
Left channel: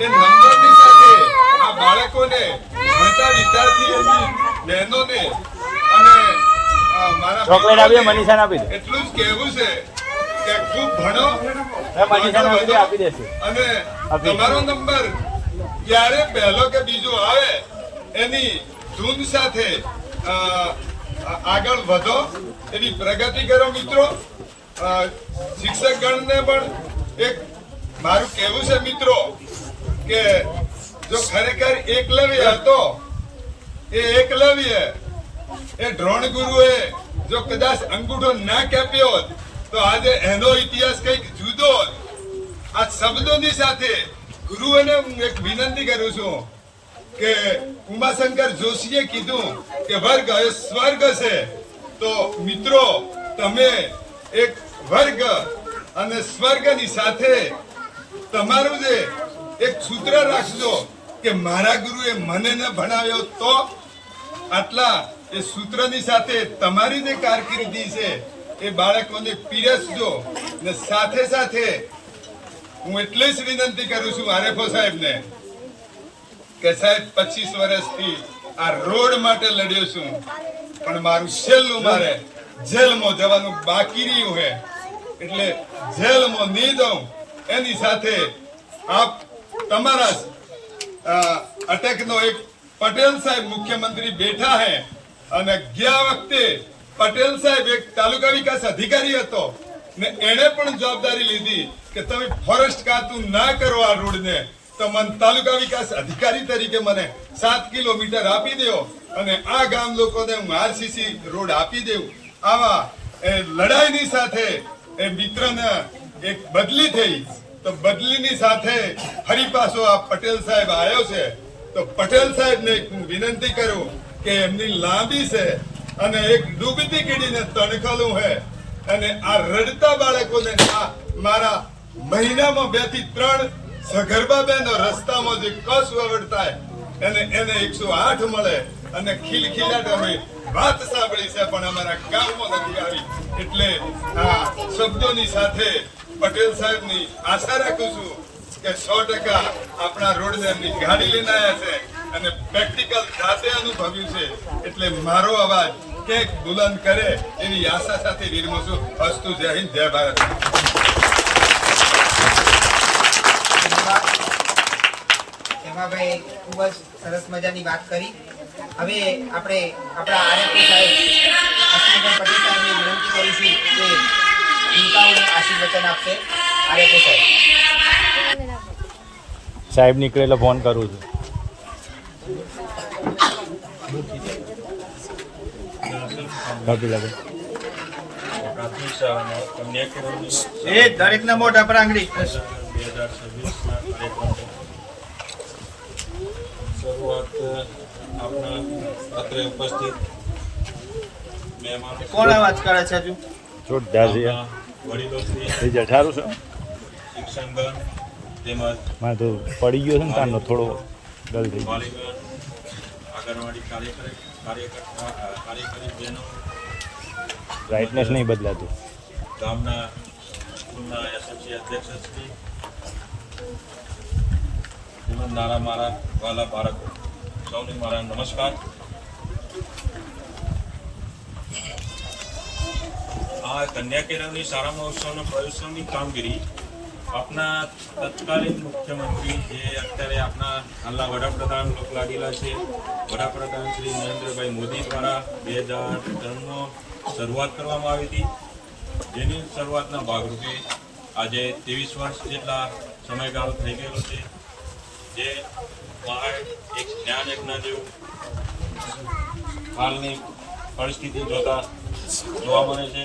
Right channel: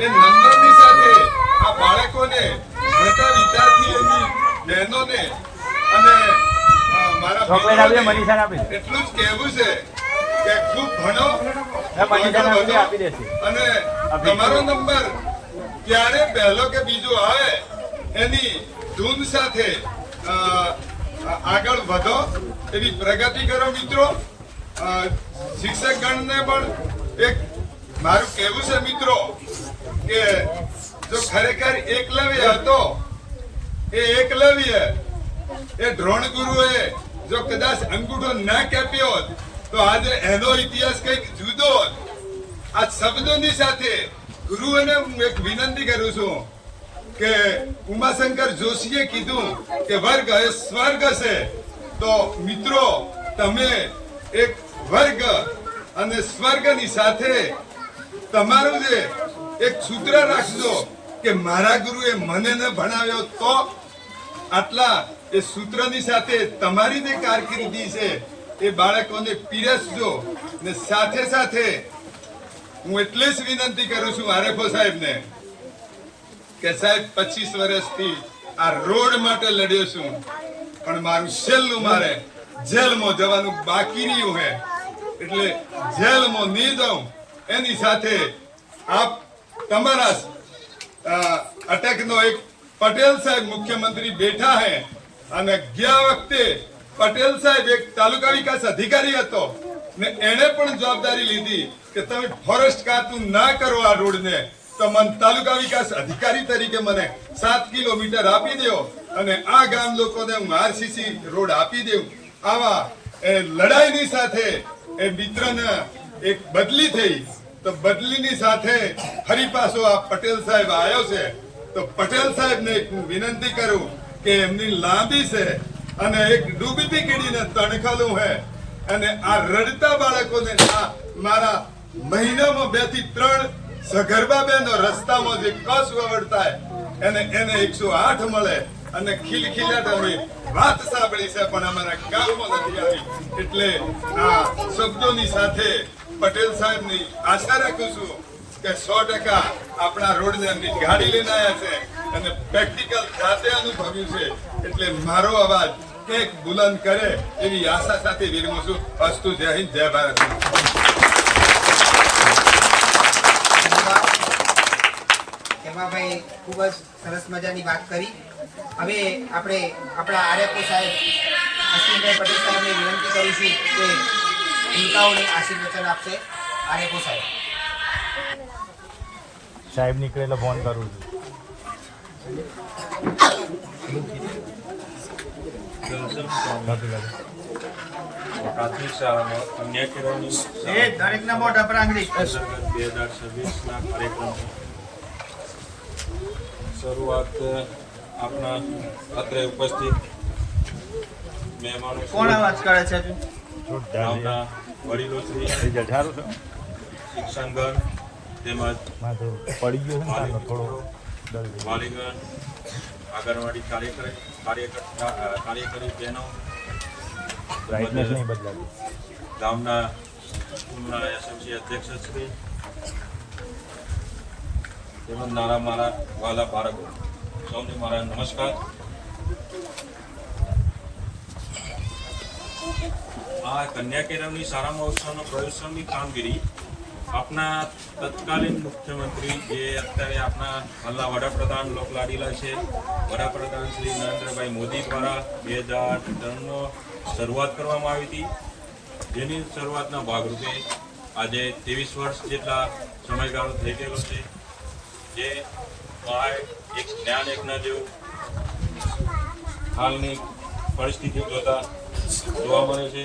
એ નંબરની સાથે આ બાળકોને ભણતા વિદ્યાર્થીઓની બહેનોને અને મારા મિત્રોને એટલું જ કહેવું છે કે ખૂબ ભણો, આગળ વધો અને તમારો નંબર ક્યારે પહેલો કે બીજો આવે એની ધૂન સાથે આગળ વધો, એવી પ્રગતિ કરો મિત્રો. શિક્ષકગણને પણ એક મારું કહેવું છે મિત્રો કે જો ખરેખર એકલવ્ય હતો, એ એકલવ્ય એ દ્રોણ ગુરુએ જો કદાચ અંગૂઠો ના કાપ્યો હોત તો આજે એનો ઇતિહાસ કંઈક જુદો હોત. આ શબ્દોની સાથે ગુરુઓને હું એક વિનંતી કરું છું કે ઉમાશંકર જોશીએ કીધું કે વર્ગ એ સ્વર્ગ છે, તો મિત્રો તમે એક વર્ગ અને સ્વર્ગની સાથે તમારું જે એક સૂત્ર રાખજો કે મારા ગુરુએ મને ન ભણાવ્યો તો આટલા એ સૂત્રની સાથે તમારી જે કારકિર્દી છે એ બાળકોને પીરસજો ને સાથે સાથે હું એટલે જ વિનંતી કરું છું આરએફઓ સાહેબને કે સાહેબ 25 વર્ષથી આ રોડ માટે લડ્યો છું પણ મારું છેલ્લું મારે જેલમાં જવાનું બાકી રહ્યું હે એટલે જેલમાં નહીં જાઉં એની સાથે આપ તમારા અટકનો એક પટેલ સાહેબ મુખ્યમંત્રી બેઠા હે અને ગયા વખતે પટેલ સાહેબ એક તાલુકા વિકાસ અધિકારી હતો ને એણે પણ જવાબદારી લીધી કે તમે ફોરેસ્ટ ખાતું ના કરો આ રોડને તો મને તાલુકા વિકાસ અધિકારી તરીકે મને 7 કિલોમીટર આપી દો અને આ ગામ લોકોને હું આરસીસી રોડ આપી દઉં આવા લડાઈની સાથે એ મિત્રને એક બદલી થઈ તો બદલીની સાથે ફરી પાછો આ પટેલ સાહેબ આવ્યો છે તો પટેલ સાહેબને હું વિનંતી કરું કે એમની લાંબી છે અને એક ડૂબતી કીડીને તણખલું હે અને આ રડતા બાળકોને આ મારા મહિનામાં 2 થી 3 સગર્ભા બહેનો રસ્તામાં જે કસ વવડતા એને 108 મળે અને ખિલખિલાટ અમે વાત સાંભળી છે પણ અમારા ગામમાં નથી આવી એટલે આ શબ્દોની સાથે પટેલ સાહેબની આશા રાખું છું કે 100% આપણા રોડને એમની ગાડી લઈને આવ્યા છે અને પ્રેક્ટિકલ જાતે અનુભવ્યું છે એટલે મારો અવાજ ક્યાંક બુલંદ કરે એવી આશા સાથે વિરમું છું. અસ્તુ. જય હિન્દ, જય ભારત. ભાઈ ખૂબ જ સરસ મજાની વાત કરી. હવે આપણે આપણા આરએફઓ સાહેબ અશ્વિનભાઈ પટેલ સાહેબને વિનંતી કરીશું કે ભૂલકાઓને આશીર્વચન આપશે. આરએફઓ સાહેબ. સાહેબ નીકળે એટલે ફોન કરું છું. પ્રાથમિક શાળામાં કન્યા કેળવણી દરેકના મોઢા પર આંગળી. 2026ના કાર્યક્રમ શરૂઆત આપણા અત્રે ઉપસ્થિત મહેમાનો કોણ વાત કરે છે હજુ? જોરદાર છે. આપણા વડીલોશ્રી, રિઝલ્ટ સારું છે. શિક્ષણગણ તેમજ મારે તો પડી ગયો છે ને કાનનો થોડો જલ્દી. વાલીગણ, આંગણવાડી કાર્યકરી બહેનો, બ્રાઇટનેસ નહીં બદલાતું. ગામના સ્કૂલના એસએમસી અધ્યક્ષશ્રી તેમજ મારા વાલા બાળકો સૌને મારા નમસ્કાર. આ કન્યા કેળવણી શાળામાં ઉત્સવનો પ્રયોત્સવની કામગીરી આપના તત્કાલીન મુખ્યમંત્રી જે અત્યારે આપણા હાલના વડાપ્રધાન લોકલાડીલા છે વડાપ્રધાન શ્રી નરેન્દ્રભાઈ મોદી દ્વારા 2003માં શરૂઆત કરવામાં આવી હતી, જેની શરૂઆતના ભાગરૂપે આજે 23 વર્ષ જેટલા સમયગાળો થઈ ગયેલો છે. જે એક જ્ઞાન યજ્ઞ જેવું હાલની પરિસ્થિતિ જોતા જોવા મળે છે.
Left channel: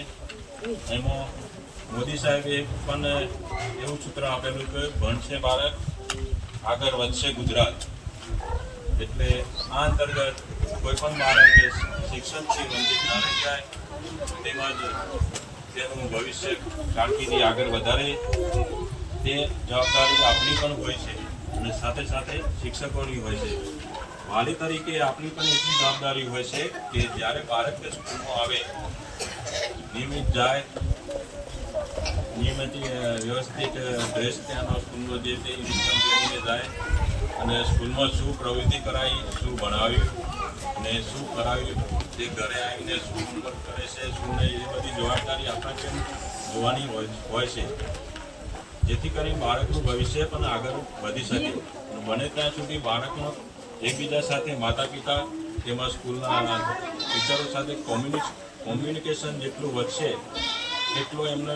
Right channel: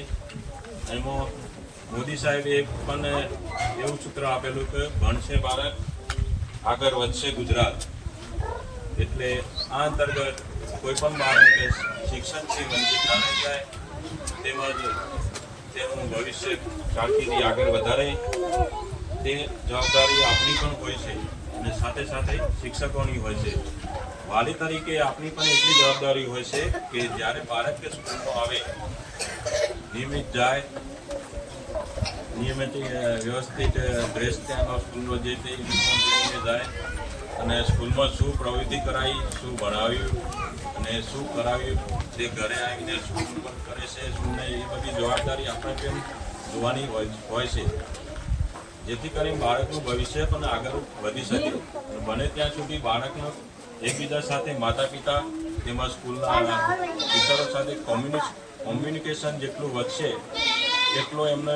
એમાં મોદી સાહેબે એક પણ એવું સૂત્ર આપેલું કે ભણશે ભારત આગળ વધશે ગુજરાત. એટલે આ અંતર્ગત કોઈ પણ બાળક શિક્ષણથી વંચિત ન રહી જાય તેમજ તેનું ભવિષ્ય કારકિર્દી આગળ વધારે તે જવાબદારી આપણી પણ હોય છે અને સાથે સાથે શિક્ષકોની હોય છે. વાલી તરીકે આપણી પણ એટલી જવાબદારી હોય છે કે જ્યારે બાળક સ્કૂલમાં આવે નિયમિત જાય, નિયમિત વ્યવસ્થિત ડ્રેસ ત્યાંનો સ્કૂલનો જે તે યુનિફોર્મ પહેરીને જાય અને સ્કૂલમાં શું પ્રવૃત્તિ કરાવી, શું ભણાવ્યું અને શું કરાવ્યું તે ઘરે આવીને શું હોમવર્ક કરે છે શું નહીં એ બધી જવાબદારી આપણે કેમ જોવાની હોય છે, જેથી કરીને બાળકનું ભવિષ્ય પણ આગળ વધી શકે. બને ત્યાં સુધી બાળકનો એકબીજા સાથે માતા પિતા તેમજ સ્કૂલના ટીચરો સાથે કોમ્યુનિકેશન જેટલું વધશે એટલો એમનો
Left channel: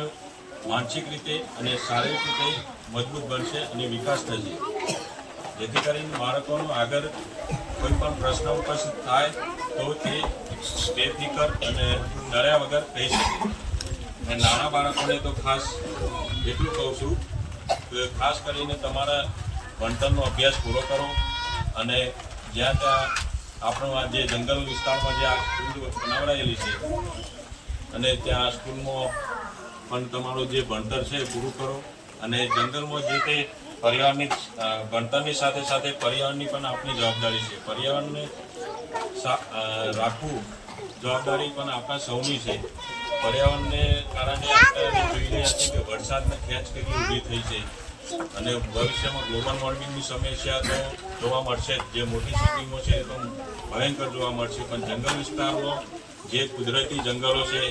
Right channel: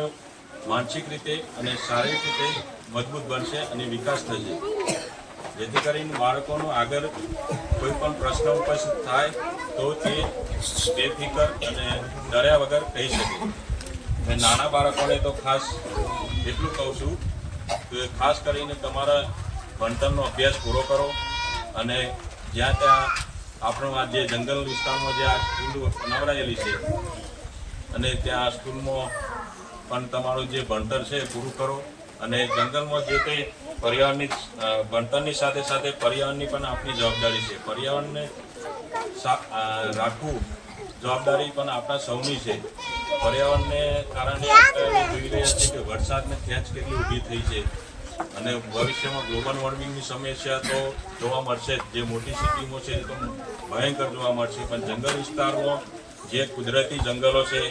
માનસિક રીતે અને શારીરિક રીતે મજબૂત બનશે અને વિકાસ થશે. જેથી કરીને બાળકોનો આગળ કોઈ પણ પ્રશ્ન ઉપસ્થિત થાય તો તે બેફિકર અને ડર્યા વગર કહી શકે. મેં નાના બાળકોને તો ખાસ એટલું કહું છું કે ખાસ કરીને તમારા ભણતરનો અભ્યાસ પૂરો કરો અને જ્યાં ત્યાં આપણો આ જે જંગલ વિસ્તારમાં જે આ સ્કૂલ બનાવડાયેલી છે અને ત્યાં સ્કૂલમાં પણ તમારું જે ભણતર છે પૂરું કરો અને જંગલમાં જે તે પર્યાવરણની ભણતરની સાથે સાથે પર્યાવરણની પણ આપણી જવાબદારી છે. પર્યાવરણને રાખવું જવાબદારી પણ આપણા સૌની છે. પર્યાવરણને કારણે આપણે જોઈ રહ્યા છીએ કે વરસાદની ખેંચ કેટલી ઊભી થઈ છે અને ભવિષ્યમાં ગ્લોબલ વોર્મિંગની સમસ્યા તો જોવા મળશે જ. જે મોટી સિટીમાં છે એ તો ભયંકર જોવા મળશે, પણ જંગલ વિસ્તારમાં જે કુદરતી જંગલો છે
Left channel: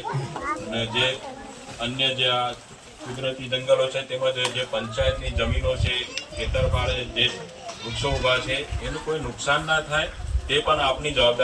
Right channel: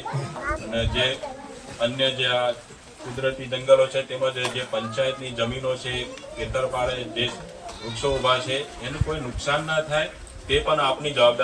અને જે અન્ય જે આ કુદરતી જંગલો છે તેમજ જે પંચાયતની જમીનો છે, ખેતર પાડે જે વૃક્ષો ઊભા છે, એનું કોઈ નુકસાન ના થાય તે પણ આપની જવાબદારી